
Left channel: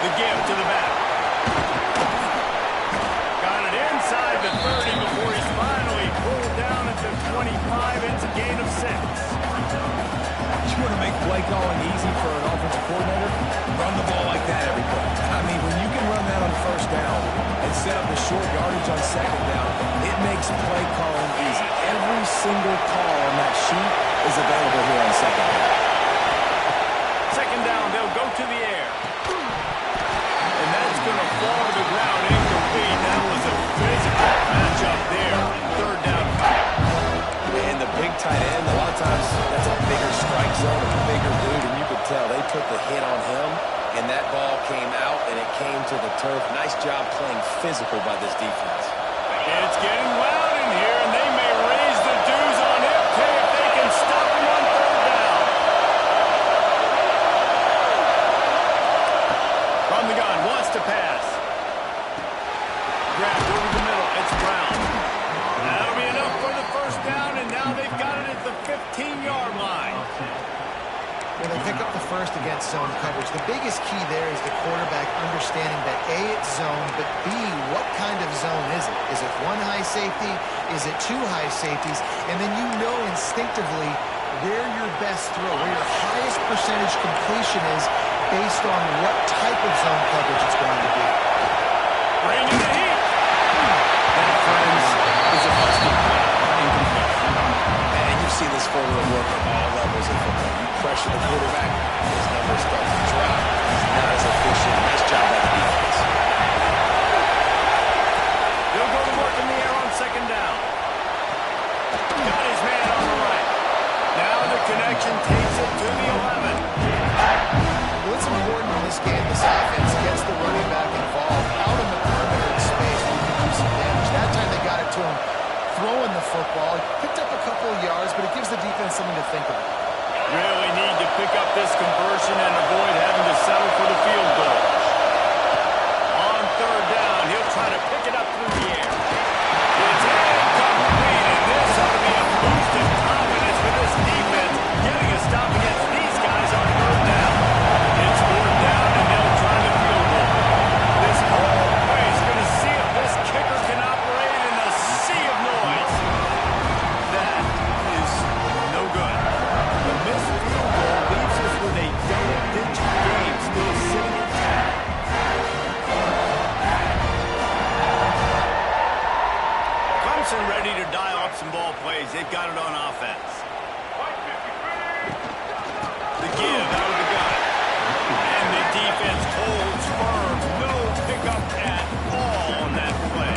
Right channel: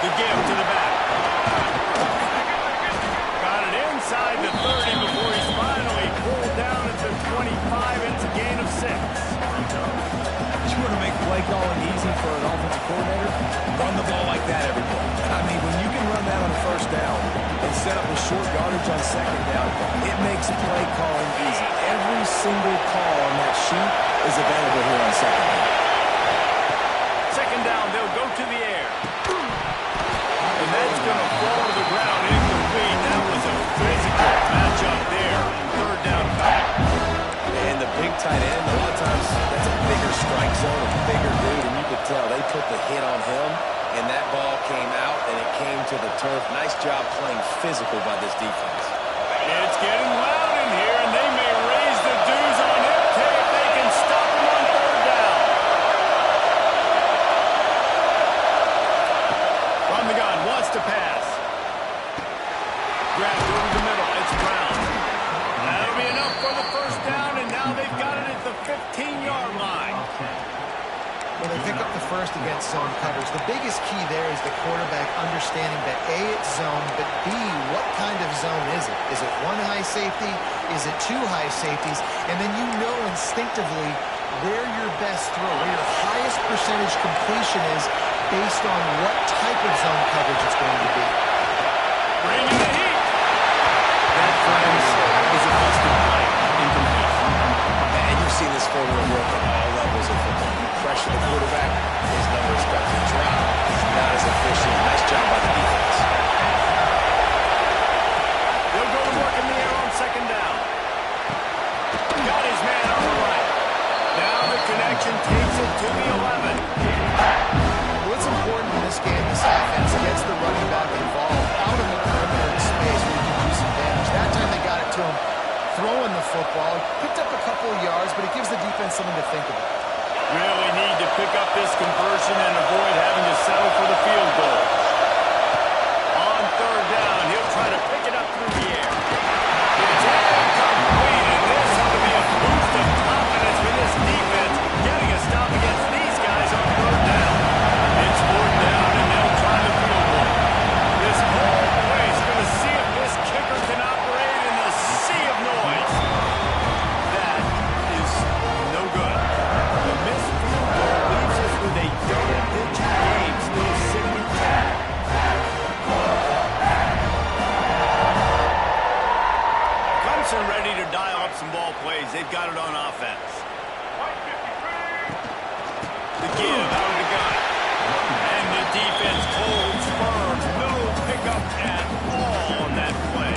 The give to the back. Got it inside the 30 before he's finally pulled down at the 25. It's a gain of 6. You want to make play calling easy for an offensive coordinator? Run the ball like that every play. I mean, when you can run that on first down and set up the short yardage on 2nd down, it makes play calling easy. Every single call on that sheet is available here on 2nd down. 2nd down, they'll go to the air. And that's going to fall to the ground incomplete. That was a physical matchup there. 3rd down coming. And the big tight end, a lot of times that's a bigger strike zone, a bigger dude, and you could tell they put the hit on him, and that ball came out, and it came to the turf. Nice job playing physical by this defense. It's getting loud in here, and they may raise the dues on FK if they can stop him on 3rd down. From the gun, shotgun, wants to pass. Grabbed over the middle. It's Brown. That'll be enough for the first down, and now they've got it at the 15-yard line. Well, they pick up the first against zone coverage. The biggest key there is the quarterback understanding that A, it's zone, but B, what kind of zone is it? Is it one high safety? Is it two high safeties? And then you know instinctively where your best throw, where your highest percentage completion is based on what type of zone coverage it's going to be. Bring in the heat. That, friends, is a busted play. Incomplete. And you've seen this formula work at all levels of football. You pressure the quarterback, his numbers start to drop. He's not as efficient. Nice job by the defense. They'll go to work in the air on second down. Got his man on the right. Now the connection takes it to the 11. Well, it's important in this game, this offense gets the running back involved out in the perimeter in space where you can do some damage. That time they got it to him throwing the football. He picked up a couple of yards, but it gives the defense something to think about. Really need to pick up this conversion and avoid having to settle for the field goal. On third down, he'll try to pick it up through the air. It's incomplete, and this ought to be a boost of confidence for this defense, getting a stop against these guys on third down. It's fourth down, and they'll try the field goal. This whole place going to see if this kicker can operate in a sea of noise. That is no good. The missed field goal leaves us with a double-digit game still sitting intact. Clemson ready to dial up some ball plays. They've got it on offense. The give out of the gun. And the defense holds firm. No pickup at all on that play.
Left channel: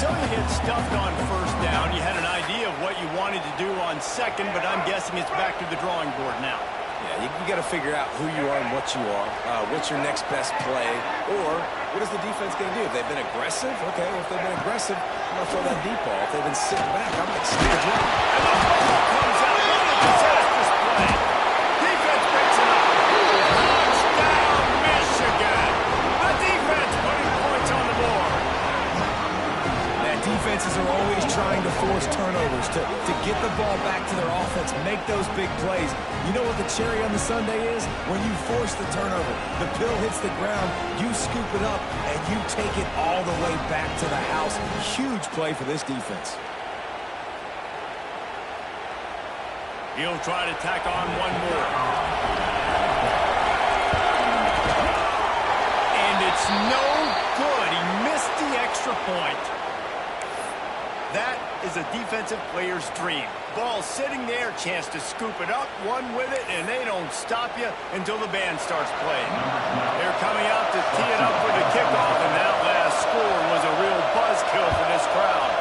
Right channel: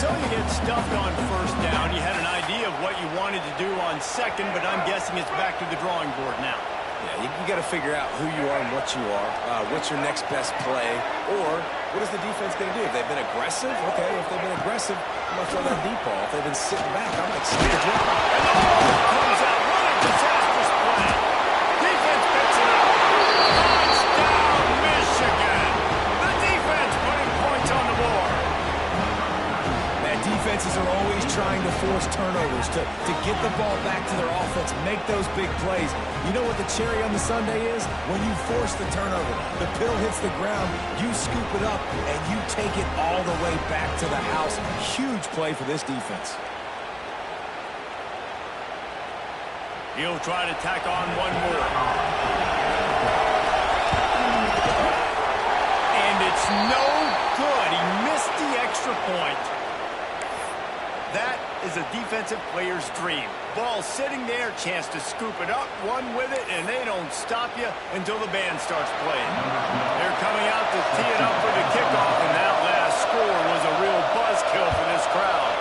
So you get stuffed on first down. You had an idea of what you wanted to do on second, but I'm guessing it's back to the drawing board now. Yeah, you got to figure out who you are and what you are. What's your next best play? Or what is the defense going to do? If they've been aggressive, okay, well, if they've been aggressive, I'm going to throw that deep ball. If they've been sitting back, I might snatch it. And the ball comes out. What a disastrous play. Defense picks it up. Touchdown, Michigan. The defense putting points on the board. Defenses are always trying to force turnovers, to get the ball back to their offense, make those big plays. You know what the cherry on the sundae is? When you force the turnover, the pill hits the ground, you scoop it up, and you take it all the way back to the house. Huge play for this defense. He'll try to tack on one more. And it's no good. He missed the extra point. That is a defensive player's dream. Ball sitting there, chance to scoop it up, run with it, and they don't stop you until the band starts playing. They're coming out to tee it up for the kickoff, and that last score was a real buzzkill for this crowd.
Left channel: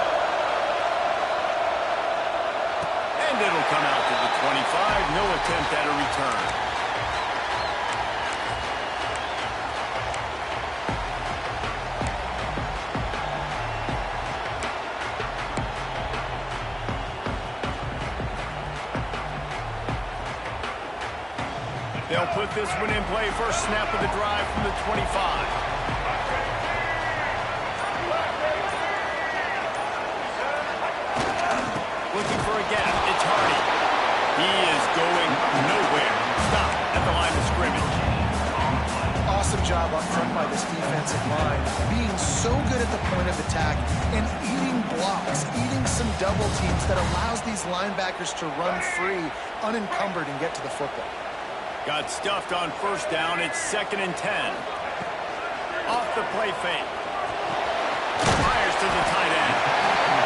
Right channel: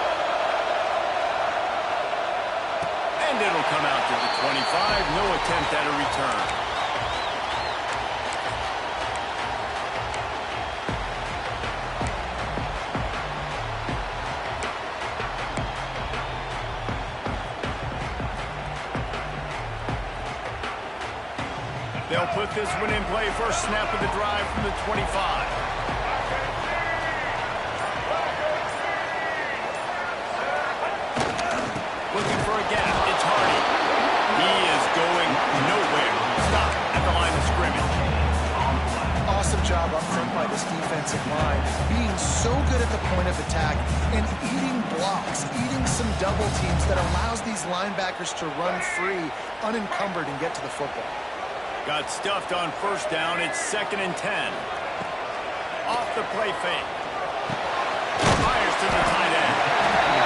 And it'll come out to the 25. No attempt at a return. They'll put this one in play. First snap of the drive from the 25. Looking for a gap. It's Hardy. He is going nowhere. Stop at the line of scrimmage. Awesome job up front by this defensive line. Being so good at the point of attack and eating blocks, eating some double teams that allows these linebackers to run free, unencumbered, and get to the football. Got stuffed on first down. It's 2nd and 10. Off the play fake. Fires to the tight end.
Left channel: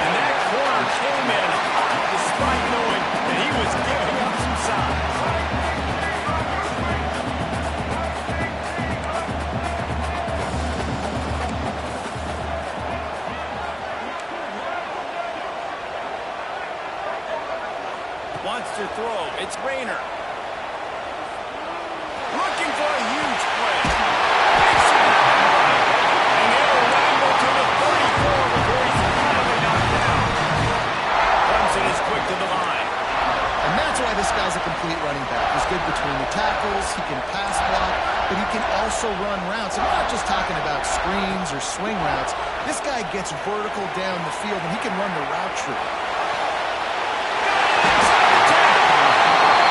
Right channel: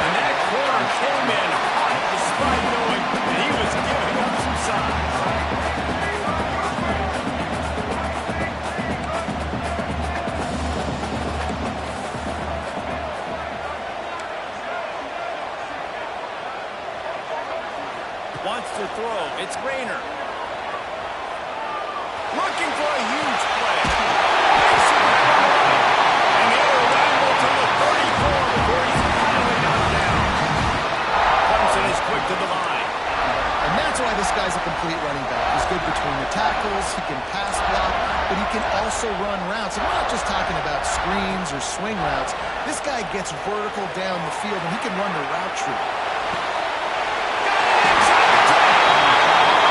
And that corner came in hot despite knowing that he was giving up some size. Wants to throw. It's Rayner. Looking for a huge play. Makes it back on the right. And he'll ramble to the 34 before he's finally knocked down. Clemson is quick to the line. And that's why this guy guy's a complete running back. He's good between the tackles, he can pass block, but he can also run routes. And we're not just talking about screens or swing routes. This guy gets vertical down the field, and he can run the route tree.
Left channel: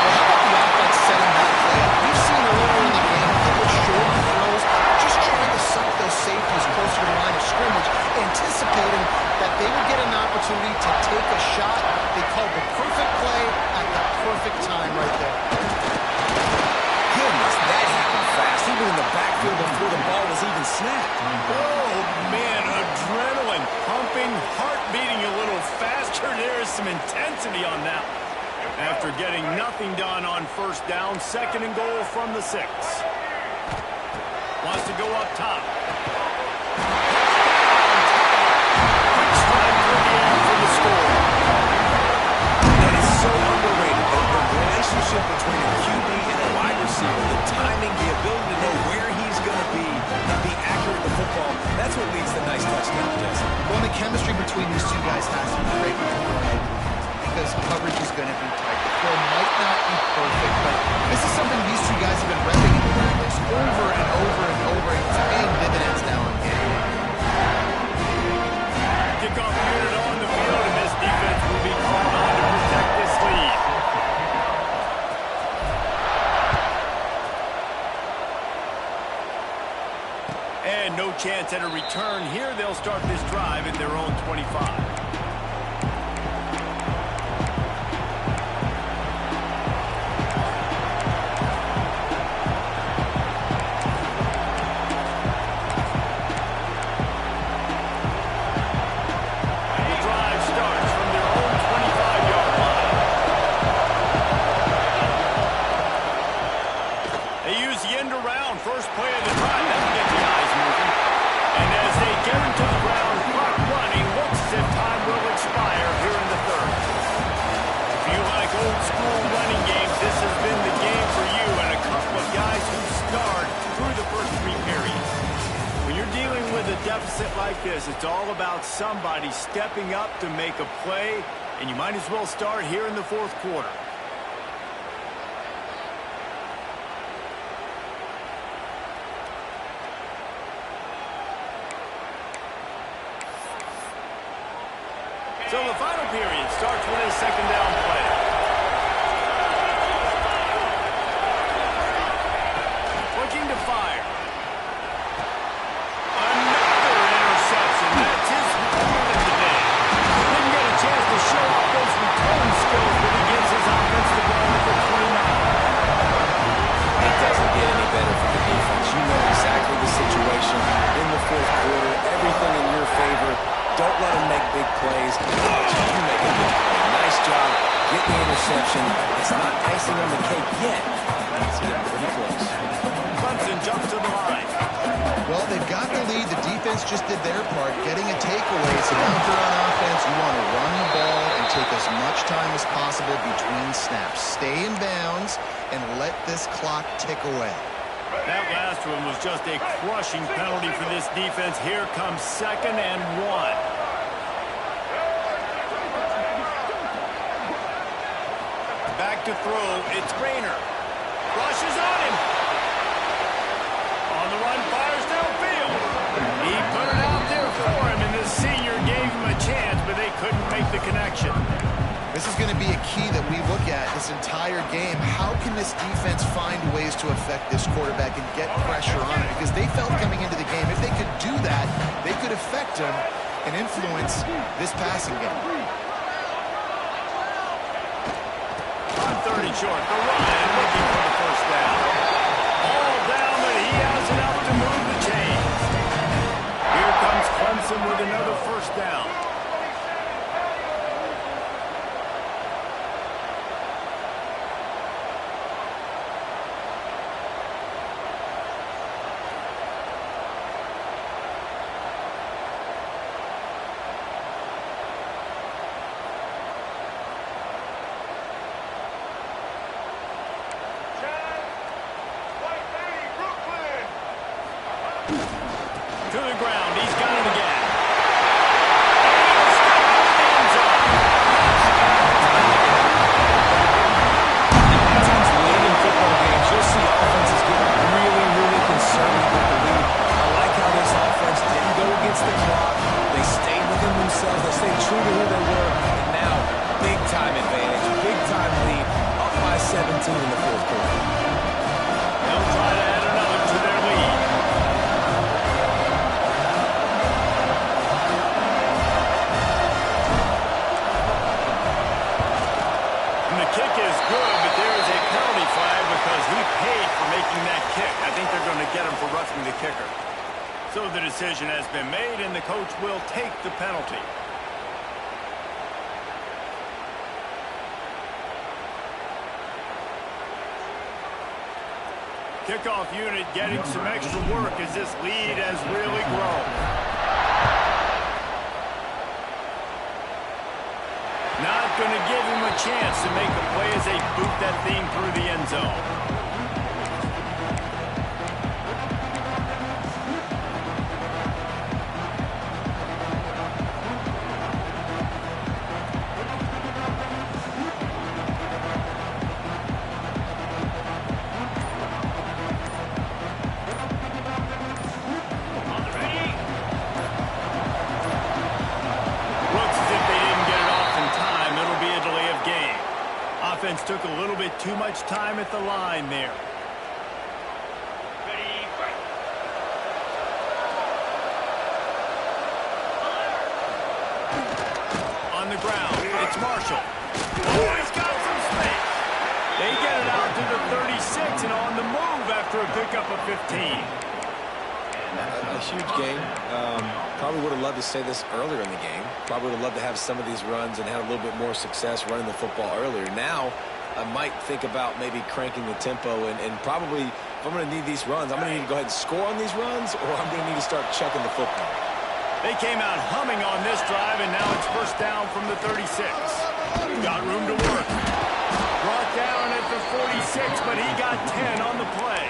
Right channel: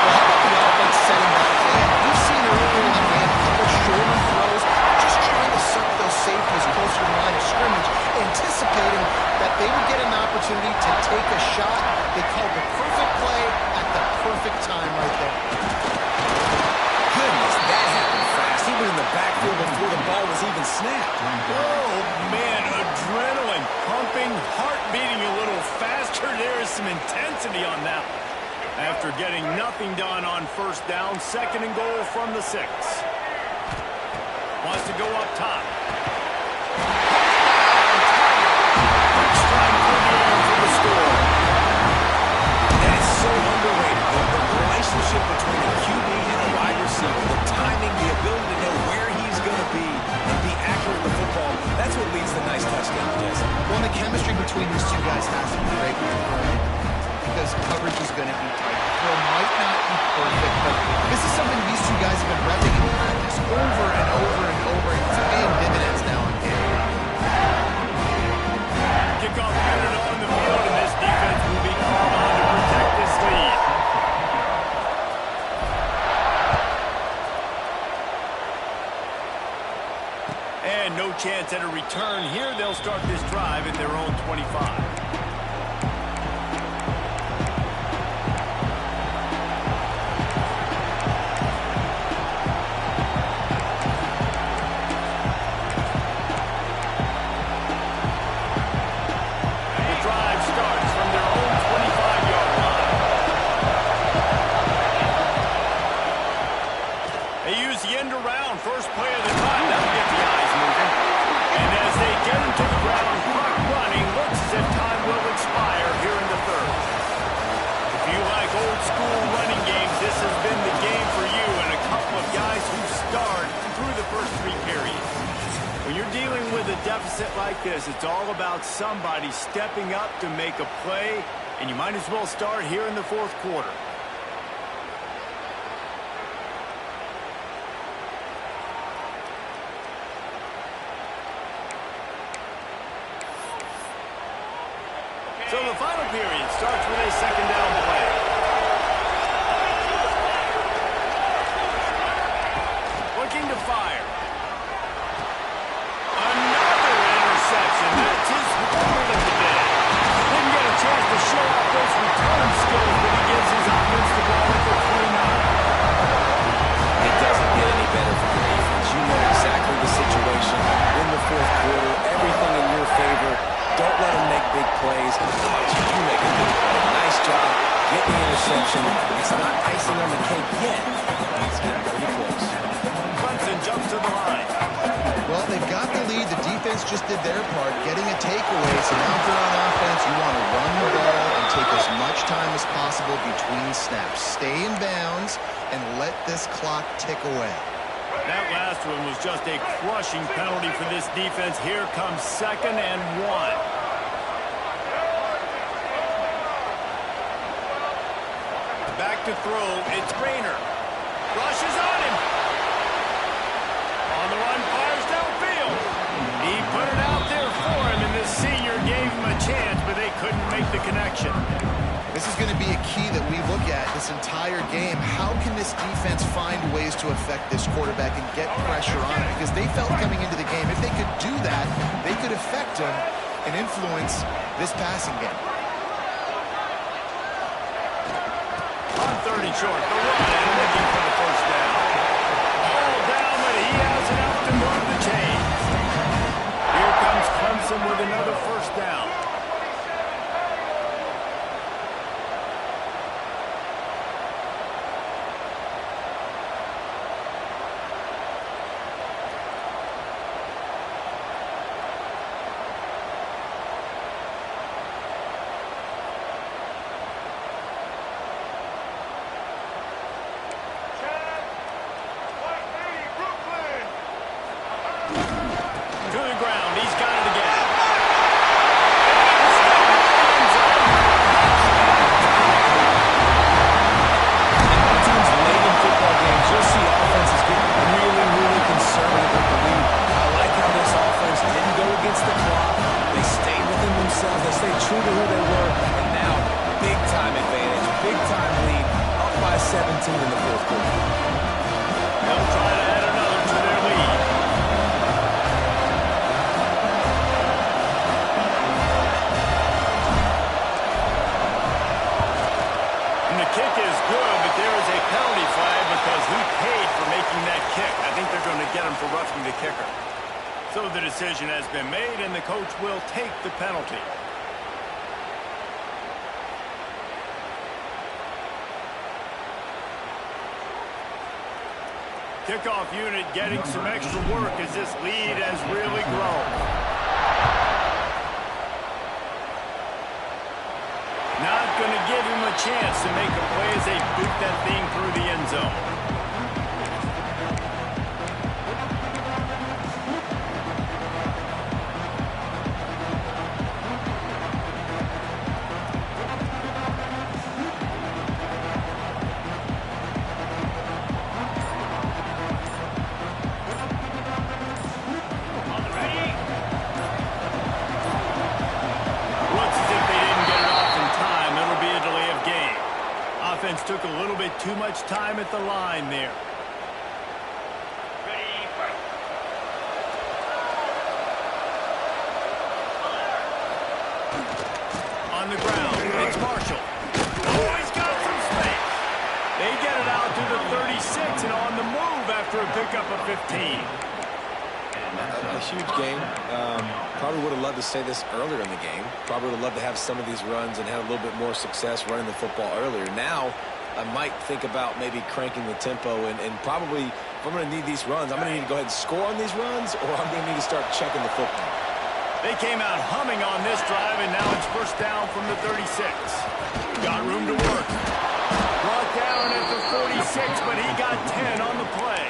Well, how about the offense setting that play up? We've seen earlier in the game a couple shorter throws, just trying to suck those safeties closer to the line of scrimmage, anticipating that they would get an opportunity to take a shot. They called the perfect play at the perfect time right there. Goodness, that happened fast. He was in the backfield before the ball was even snapped. Oh, man, adrenaline pumping, heart beating a little faster. There is some intensity on that one. After getting nothing done on first down, 2nd and goal from the 6. Wants to go up top. Touchdown, Tiger. Quick strike through the air for the score. That is so underrated. The relationship between a QB and a wide receiver, the timing, the ability to know where he's going to be and be accurate with the football, that's what leads to nice touchdowns, Jesse. Well, the chemistry between these two guys has to be great when they're throwing into the because coverage is going to be tight. The throw might not be perfect, but this is something these two guys have been repping in practice over and over and over, and it's paying dividends now in game. Kickoff unit on the field, and this defense will be called on to protect this lead. And no chance at a return here. They'll start this drive at their own 25. First play of the drive, that'll get the eyes moving. And as they get him to the ground, clock running, looks as if time will expire here in the 3rd. If you like old school running games, this has been the game for you and a couple of guys who starred through the first 3 periods. When you're dealing with a deficit like this, it's all about somebody stepping up to make a play, and you might as well start here in the 4th quarter. So the final period starts with a 2nd down play. Looking to fire. Another interception. That's his 3rd of the day. Didn't get a chance to show off those return skills, but he gives his offense the ball at the 29. It doesn't get any better for the defense. You know exactly the situation in the 4th quarter. Everything in your favor. Don't let them make big plays. You make a big play. Nice job. Get the interception. It's not icing on the cake yet. It's getting pretty close. Clemson jumps to the line. Well, they've got the lead. The defense just did their part, getting a takeaway. So now if you're on offense, you want to run the ball and take as much time as possible between snaps. Stay in bounds and let this clock tick away. That last one was just a crushing penalty for this defense. Here comes 2nd and 1. Back to throw. It's Rayner. Rushes on him. On the run, fires downfield. He put it out there for him, and this senior gave him a chance, but they couldn't make the connection. This is going to be a key that we look at this entire game. How can this defense find ways to affect this quarterback and get pressure on him? Because they felt coming into the game, if they could do that, they could affect him and influence this passing game. On 3rd and short, the run and looking for the first down. All down, but he has enough to move the chains. Here comes Clemson with another first down. To the ground. He's got it again. And he'll step into the end zone. themselves. They stay true to who they were. And now, big-time advantage, big-time lead, up by 17 in the fourth quarter. They'll try to add another to their lead. And the kick is good, but there is a penalty flag because he paid for making that kick. I think they're going to get him for roughing the kicker. So the decision has been made, and the coach will take the penalty. Kickoff unit getting some extra work as this lead has really grown. Not going to give him a chance to make a play as they boot that thing through the end zone. Offense took a little bit too much time at the line there. Ready, fight. On the ground, it's Marshall. Oh, he's got some space. They get it out to the 36 and on the move after a pickup of 15. A huge game. Probably would have loved to say this earlier in the game. Probably would have loved to have some of these runs and have a little bit more success running the football earlier. Now, I might think about maybe cranking the tempo and probably, if I'm going to need these runs, I'm going to need to go ahead and score on these runs, or I'm going to need to start chucking the football. They came out humming on this drive, and now it's first down from the 36. Got room to work. Brought down at the 46, but he got 10 on the play.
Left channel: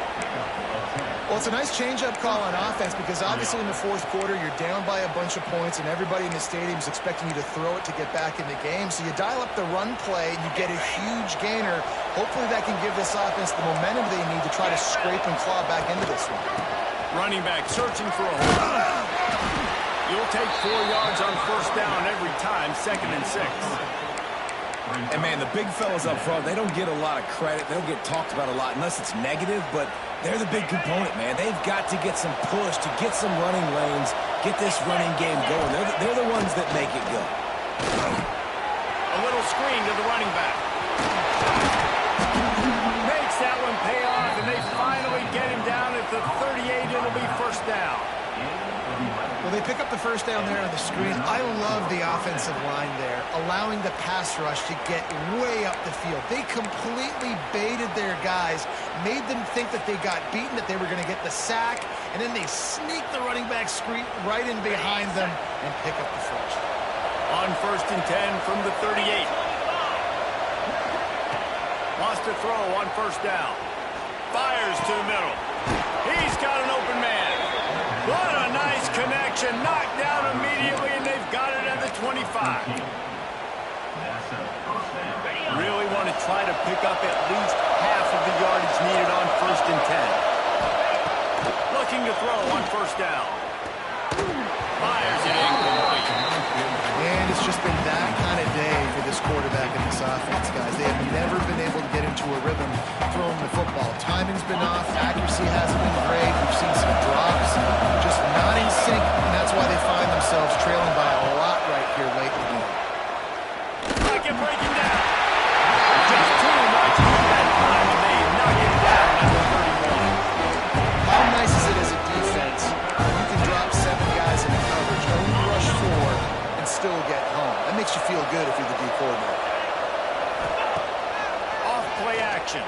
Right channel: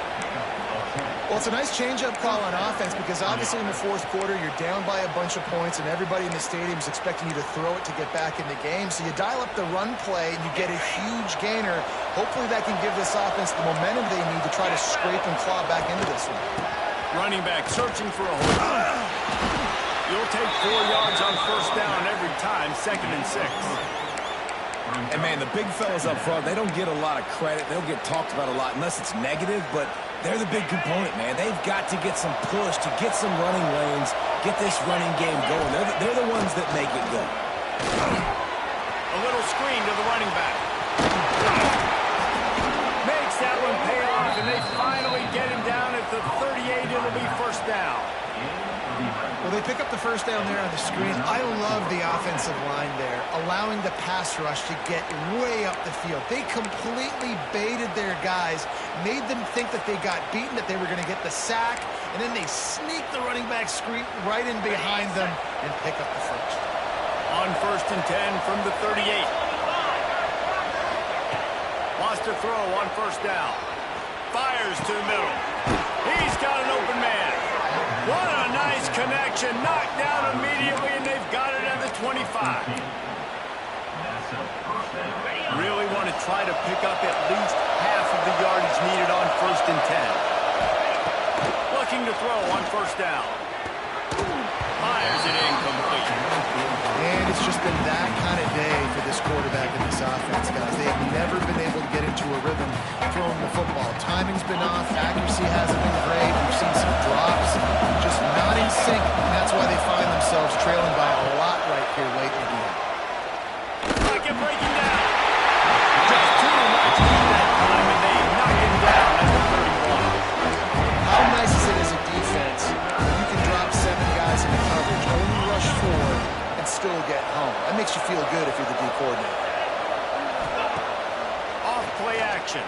Well, it's a nice change-up call on offense because obviously in the fourth quarter you're down by a bunch of points and everybody in the stadium is expecting you to throw it to get back in the game. So you dial up the run play and you get a huge gainer. Hopefully that can give this offense the momentum they need to try to scrape and claw back into this one. Running back searching for a hole. You'll take 4 yards on first down every time, 2nd and 6. And, man, the big fellas up front, they don't get a lot of credit. They don't get talked about a lot unless it's negative, but they're the big component, man. They've got to get some push, to get some running lanes, get this running game going. They're the ones that make it go. A little screen to the running back. Makes that one pay off, and they finally get him down at the 38. It'll be first down. Well, they pick up the first down there on the screen. I love the offensive line there, allowing the pass rush to get way up the field. They completely baited their guys, made them think that they got beaten, that they were going to get the sack, and then they sneak the running back screen right in behind them and pick up the first. On 1st and 10 from the 38. Wants to throw on first down. Fires to the middle. He's got an open man. What a nice connection. Knocked down immediately, and they've got it at the 25. Really want to try to pick up at least half of the yardage needed on 1st and 10. Looking to throw on first down. Fires it incomplete. And it's just been that kind of day for this quarterback and this offense, guys. They have never been able to get into a rhythm throwing the football. Timing's been off. Accuracy hasn't been great. We've seen some drops. Just not in sync, and that's why they find themselves trailing by a lot right here late in the game. Pocket breaking down. Just too much heat that time, and they knock him down at the 31. How nice is it as a defense when you can drop 7 guys into coverage, only rush 4, and still get home? That makes you feel good if you're the D coordinator. Off play action.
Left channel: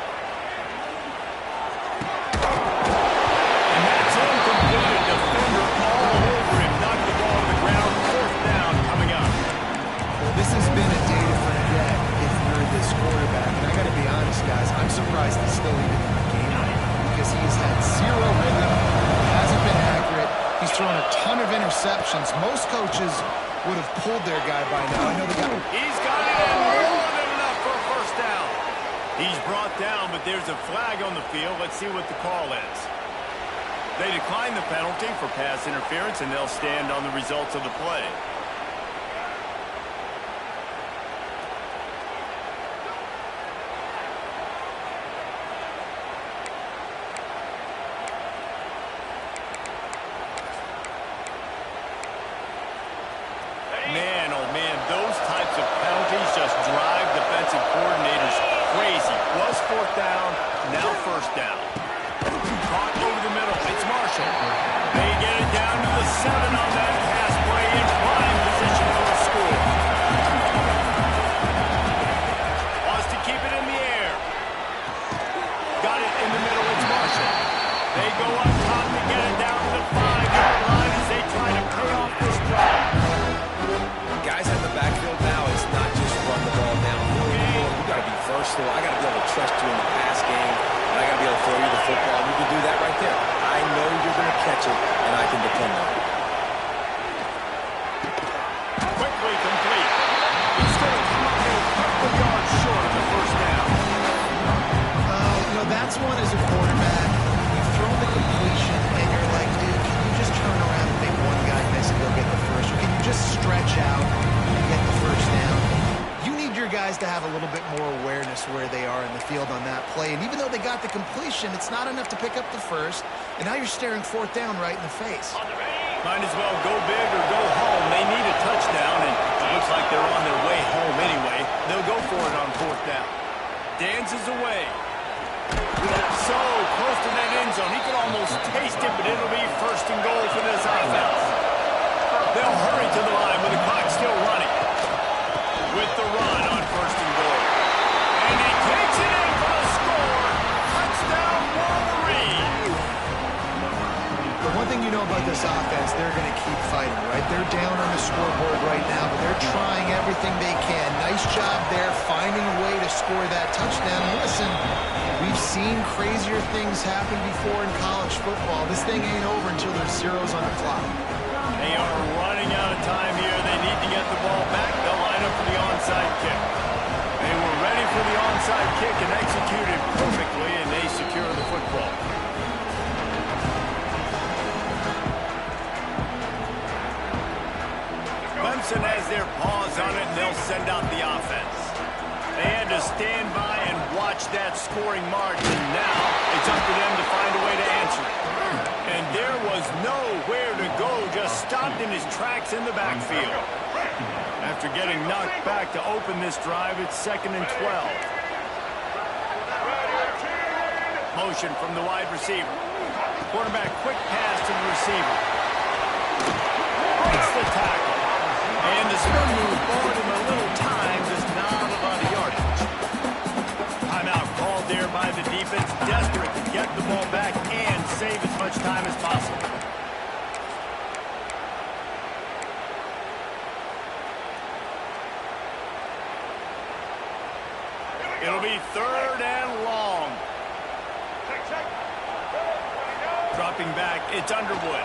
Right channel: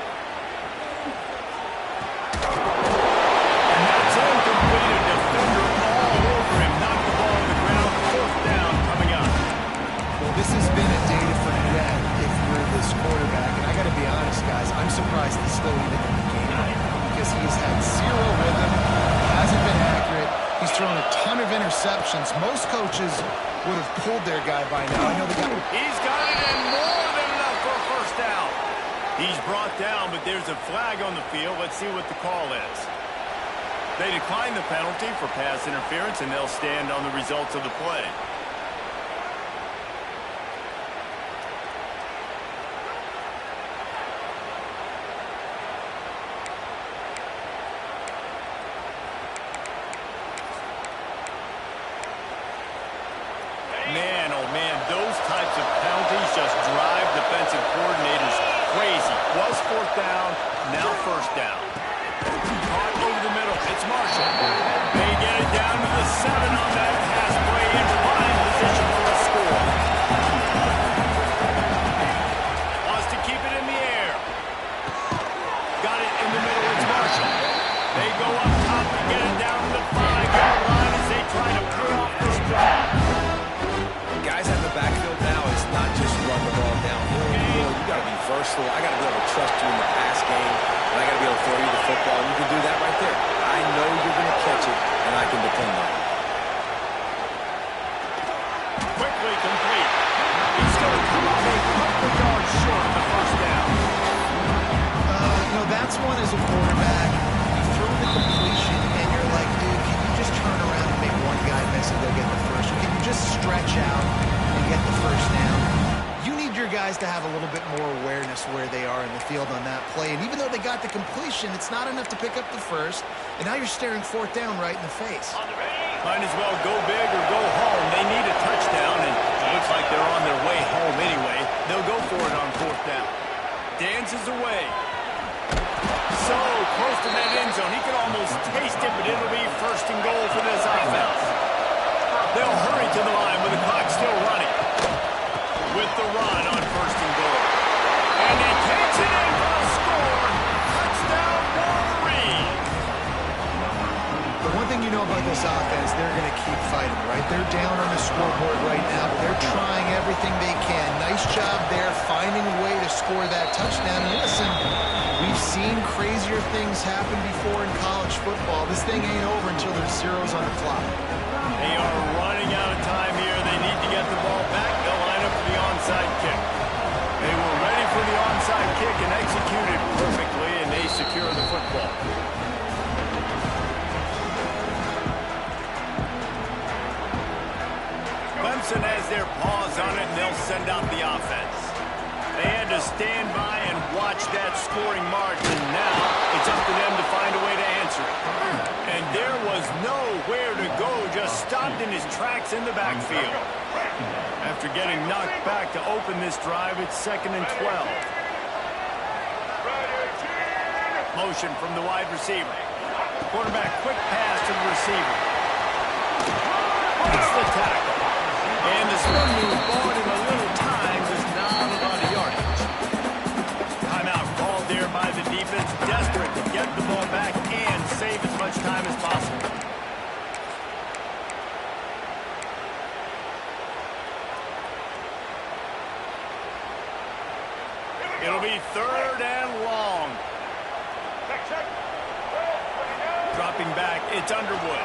And that's incomplete. A defender all over him. Knocked the ball to the ground. 4th down coming up. Well, this has been a day to forget if you're this quarterback. And I got to be honest, guys, I'm surprised he's still even in the game right now because he's had 0 rhythm. He hasn't been accurate. He's thrown a ton of interceptions. Most coaches would have pulled their guy by now. I know they got... He's got it in more than enough for a first down. He's brought down, but there's a flag on the field. Let's see what the call is. They decline the penalty for pass interference, and they'll stand on the results of the play. Man, oh man, those types of penalties just drive defensive coordinators crazy. Was fourth down, now first down. Caught over the middle. It's Marshall. They get it down to the 7 on that pass play in prime position for a score. Wants to keep it in the air. Got it in the middle. It's Marshall. They go up top to get it down to the 5-yard line as they try to pay off this drive. Guys in the backfield now, it's not just run the ball downhill anymore. You got to be versatile. I got to be able to trust you in the pass game, and I got to be able to throw you the football. And you can do that right there. I know you're going to catch it, and I can depend on it. Quickly complete. He's going to come up a couple yards short of the first down. That's one as a quarterback. You throw the completion, and you're like, dude, can you just turn around and make one guy miss and go get the first? Or can you just stretch out and get the first down? You need your guys to have a little bit more awareness where they are in the field on that play. And even though they got the completion, it's not enough to pick up the first. And now you're staring fourth down right in the face. Might as well go big or go home. They need a touchdown, and it looks like they're on their way home anyway. They'll go for it on fourth down. Dances away. So close to that end zone. He can almost taste it, but it'll be first and goal for this offense. They'll hurry to the line with the clock still running. With the run on first and goal. And he takes it in for the score. Touchdown, Wolverine. The one thing you know about this offense, they're going to keep fighting, right? They're down on the scoreboard right now, but they're trying everything they can. Nice job there, finding a way to score that touchdown. And listen, we've seen crazier things happen before in college football. This thing ain't over until there's zeros on the clock. They are running out of time here. They need to get the ball back. They'll line up for the onside kick. They were ready for the onside kick and executed perfectly, and they secure the football. Clemson has their paws on it, and they'll send out the offense. They had to stand by and watch that scoring margin. Now it's up to them to find a way to answer it. And there was nowhere to go, just stopped in his tracks in the backfield. After getting knocked back to open this drive, it's 2nd and 12. Motion from the wide receiver. Quarterback, quick pass to the receiver. Breaks the tackle. And the spin move bought him a little time, just not a lot of yardage. Timeout called there by the defense, desperate to get the ball back and save as much time as possible. It'll be 3rd and long. Dropping back, it's Underwood.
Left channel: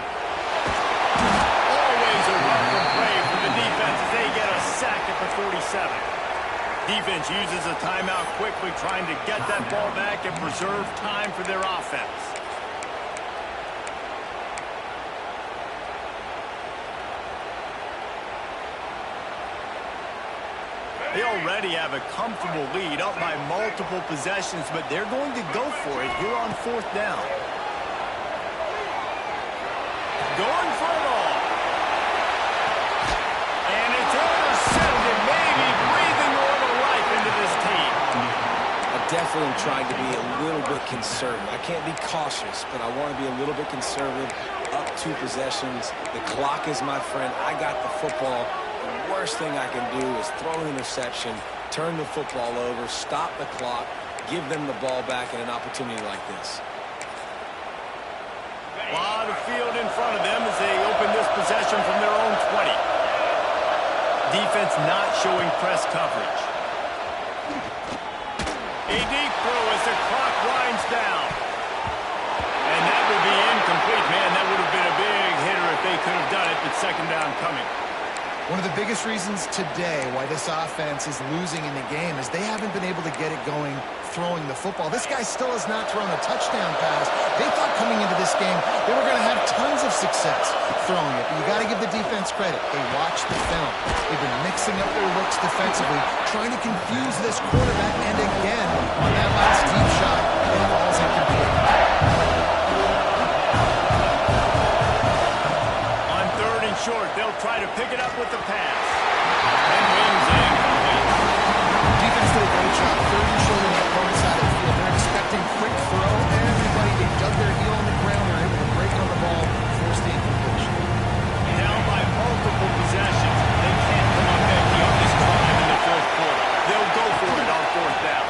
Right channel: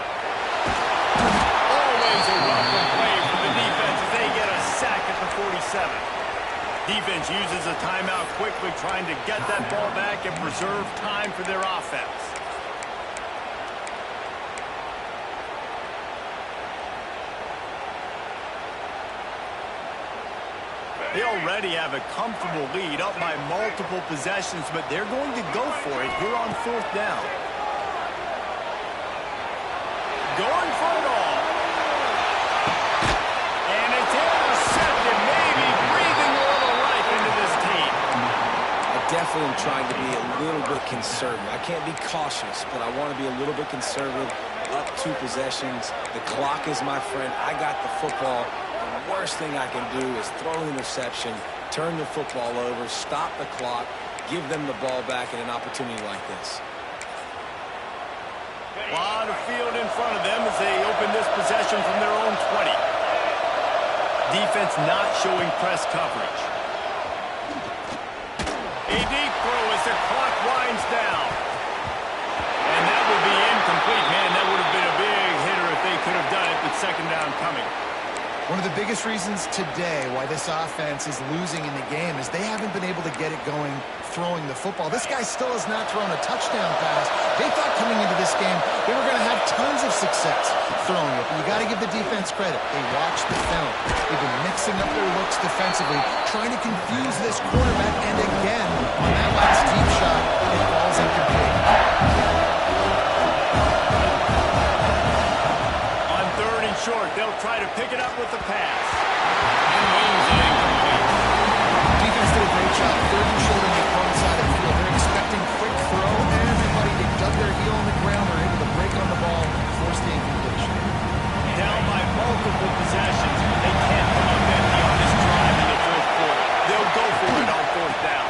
Always a welcome play for the defense as they get a sack at the 47. Defense uses a timeout quickly, trying to get that ball back and preserve time for their offense. They already have a comfortable lead, up by multiple possessions, but they're going to go for it here on 4th down. Going for it all. And it's intercepted, maybe breathing a little life into this team. I definitely am trying to be a little bit conservative. I can't be cautious, but I want to be a little bit conservative. Up 2 possessions. The clock is my friend. I got the football. The worst thing I can do is throw an interception, turn the football over, stop the clock, give them the ball back in an opportunity like this. A lot of field in front of them as they open this possession from their own 20. Defense not showing press coverage. A deep throw as the clock winds down. And that will be incomplete. Man, that would have been a big hitter if they could have done it, but 2nd down coming. One of the biggest reasons today why this offense is losing in the game is they haven't been able to get it going throwing the football. This guy still has not thrown a touchdown pass. They thought coming into this game they were going to have tons of success throwing it. But you got to give the defense credit. They watched the film. They've been mixing up their looks defensively, trying to confuse this quarterback. And again, on that last deep shot, it falls incomplete. On 3rd and short. They'll try to pick it up with the pass. And wings it incomplete. Defense did a great job. Third and short on the opponent's side of the field. They're expecting quick throw. Everybody, they dug their heel on the ground. They're able to break on the ball, force the incompletion. Down by multiple possessions. They can't come up empty on this drive in the fourth quarter. They'll go for it on fourth down.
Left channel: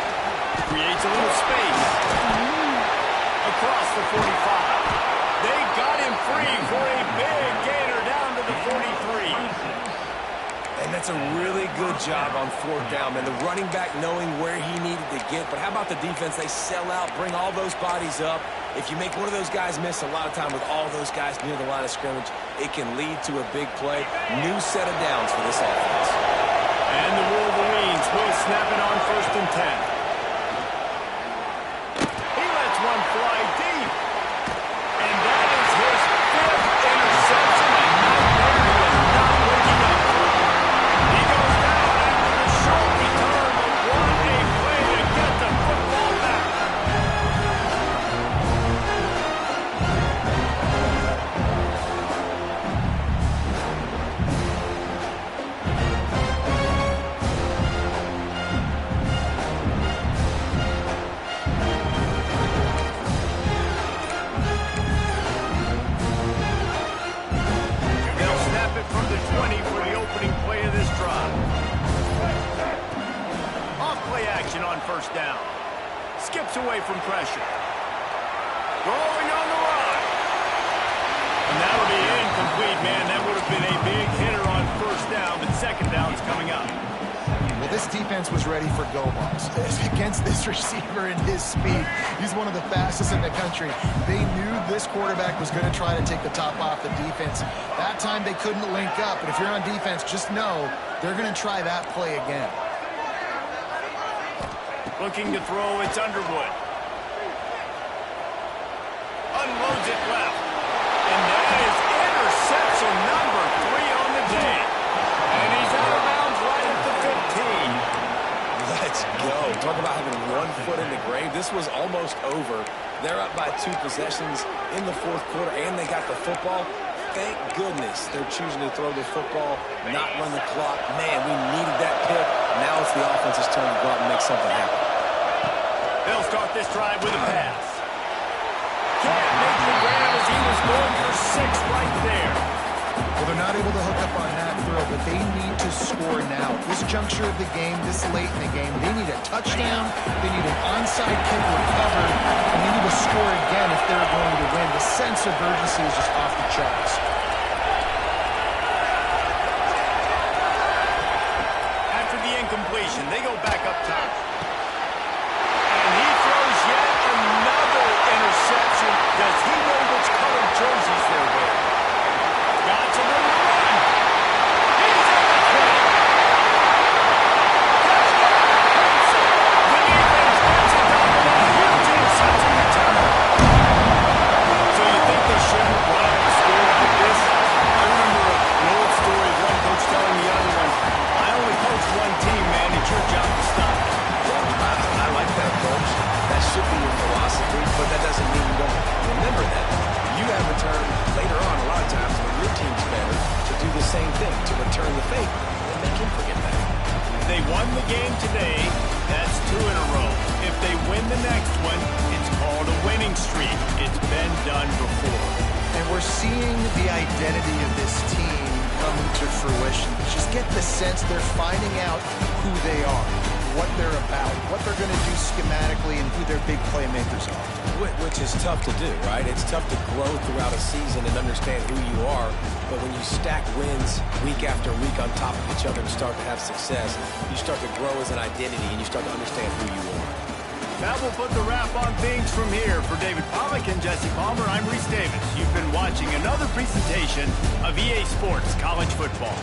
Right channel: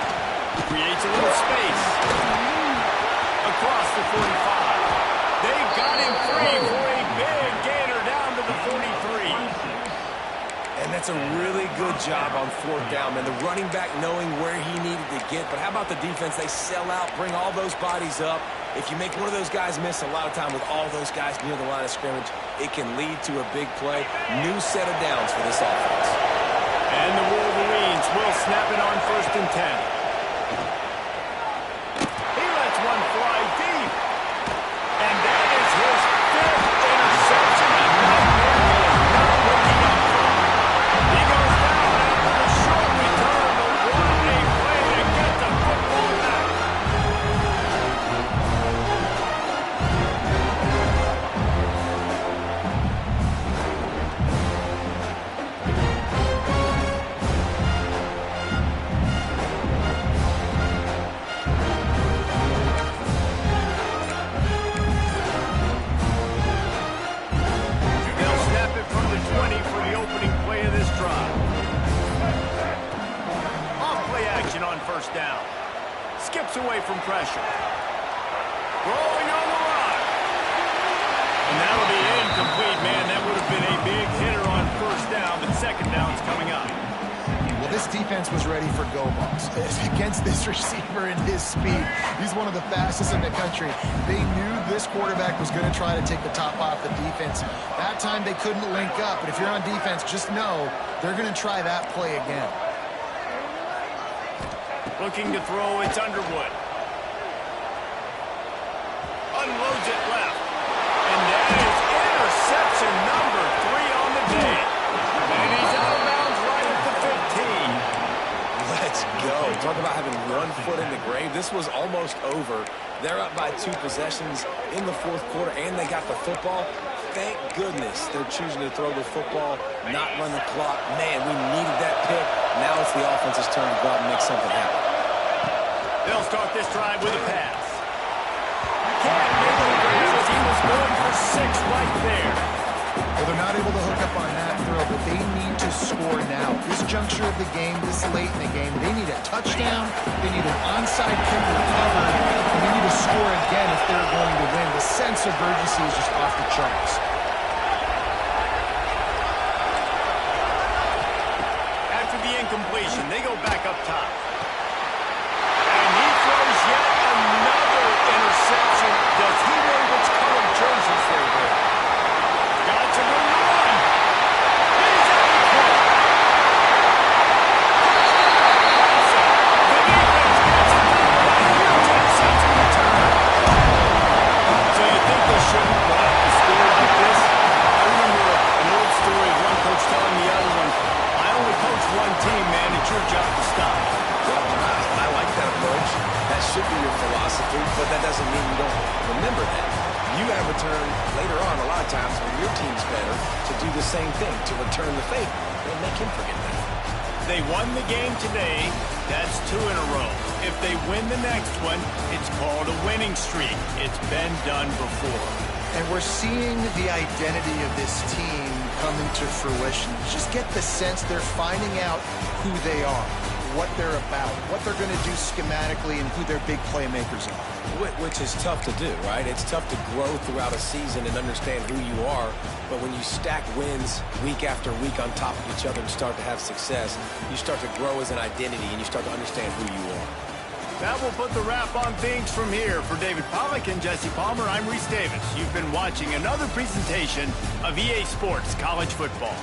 Creates a little space. Across the 45. They got him free for a big gainer down to the 43. And that's a really good job on fourth down, man. The running back knowing where he needed to get. But how about the defense? They sell out, bring all those bodies up. If you make one of those guys miss, a lot of time with all those guys near the line of scrimmage, it can lead to a big play. New set of downs for this offense. And the Wolverines will snap it on 1st and 10. He lets one fly deep. And that is his 5th interception. A nightmare he is not waking up from. He goes down after the short return, but what a play to get the football back. From the 20 for the opening play of this drive. Off play action on 1st down. Skips away from pressure. Rolling on the run. And that'll be incomplete, man. That would have been a big hitter on 1st down, but 2nd down's coming up. Well, this defense was ready for go balls. Against this receiver and his speed, he's one of the fastest in the country. They knew this quarterback was going to try to take the top off the defense. That time they couldn't link up, but if you're on defense, just know they're going to try that play again. Looking to throw, it's Underwood. Unloads it left. And that is interception number 3 on the day. And he's out of bounds right at the 15. Let's go. Talk about having one foot in the grave. This was almost over. They're up by 2 possessions in the fourth quarter, and they got the football. Thank goodness they're choosing to throw the football, not run the clock. Man, we needed that pick. Now it's the offense's turn to go out and make something happen. They'll start this drive with a pass. Can't make the grab as he was going for 6 right there. Well, they're not able to hook up on that throw, but they need to score now. This juncture of the game, this late in the game, they need a touchdown, they need an onside kick recovered, and they need to score again if they're going to win. The sense of urgency is just off the charts. After the incompletion, they go back up top. And he throws yet another interception. Does he know which colored jerseys they're wearing? Got some room to run. He's at the 20. Touchdown, Clemson. The defense gets it done with a huge interception return. So you think they shouldn't run up the score like this? I remember an old story of one coach telling the other one, I only coach one team, man. It's your job to stop. Well, I like that approach. That should be your philosophy, but that doesn't mean you don't remember that. You have returned later on a lot of times when your team's better to do the same thing, to return the favor and make him forget that. They won the game today. That's 2 in a row. If they win the next one, it's called a winning streak. It's been done before. And we're seeing the identity of this team come into fruition. Just get the sense they're finding out who they are, what they're about, what they're going to do schematically, and who their big playmakers are. Which is tough to do, right? It's tough to grow throughout a season and understand who you are. But when you stack wins week after week on top of each other and start to have success, you start to grow as an identity and you start to understand who you are. That will put the wrap on things from here. For David Pollack and Jesse Palmer, I'm Reese Davis. You've been watching another presentation of EA Sports College Football.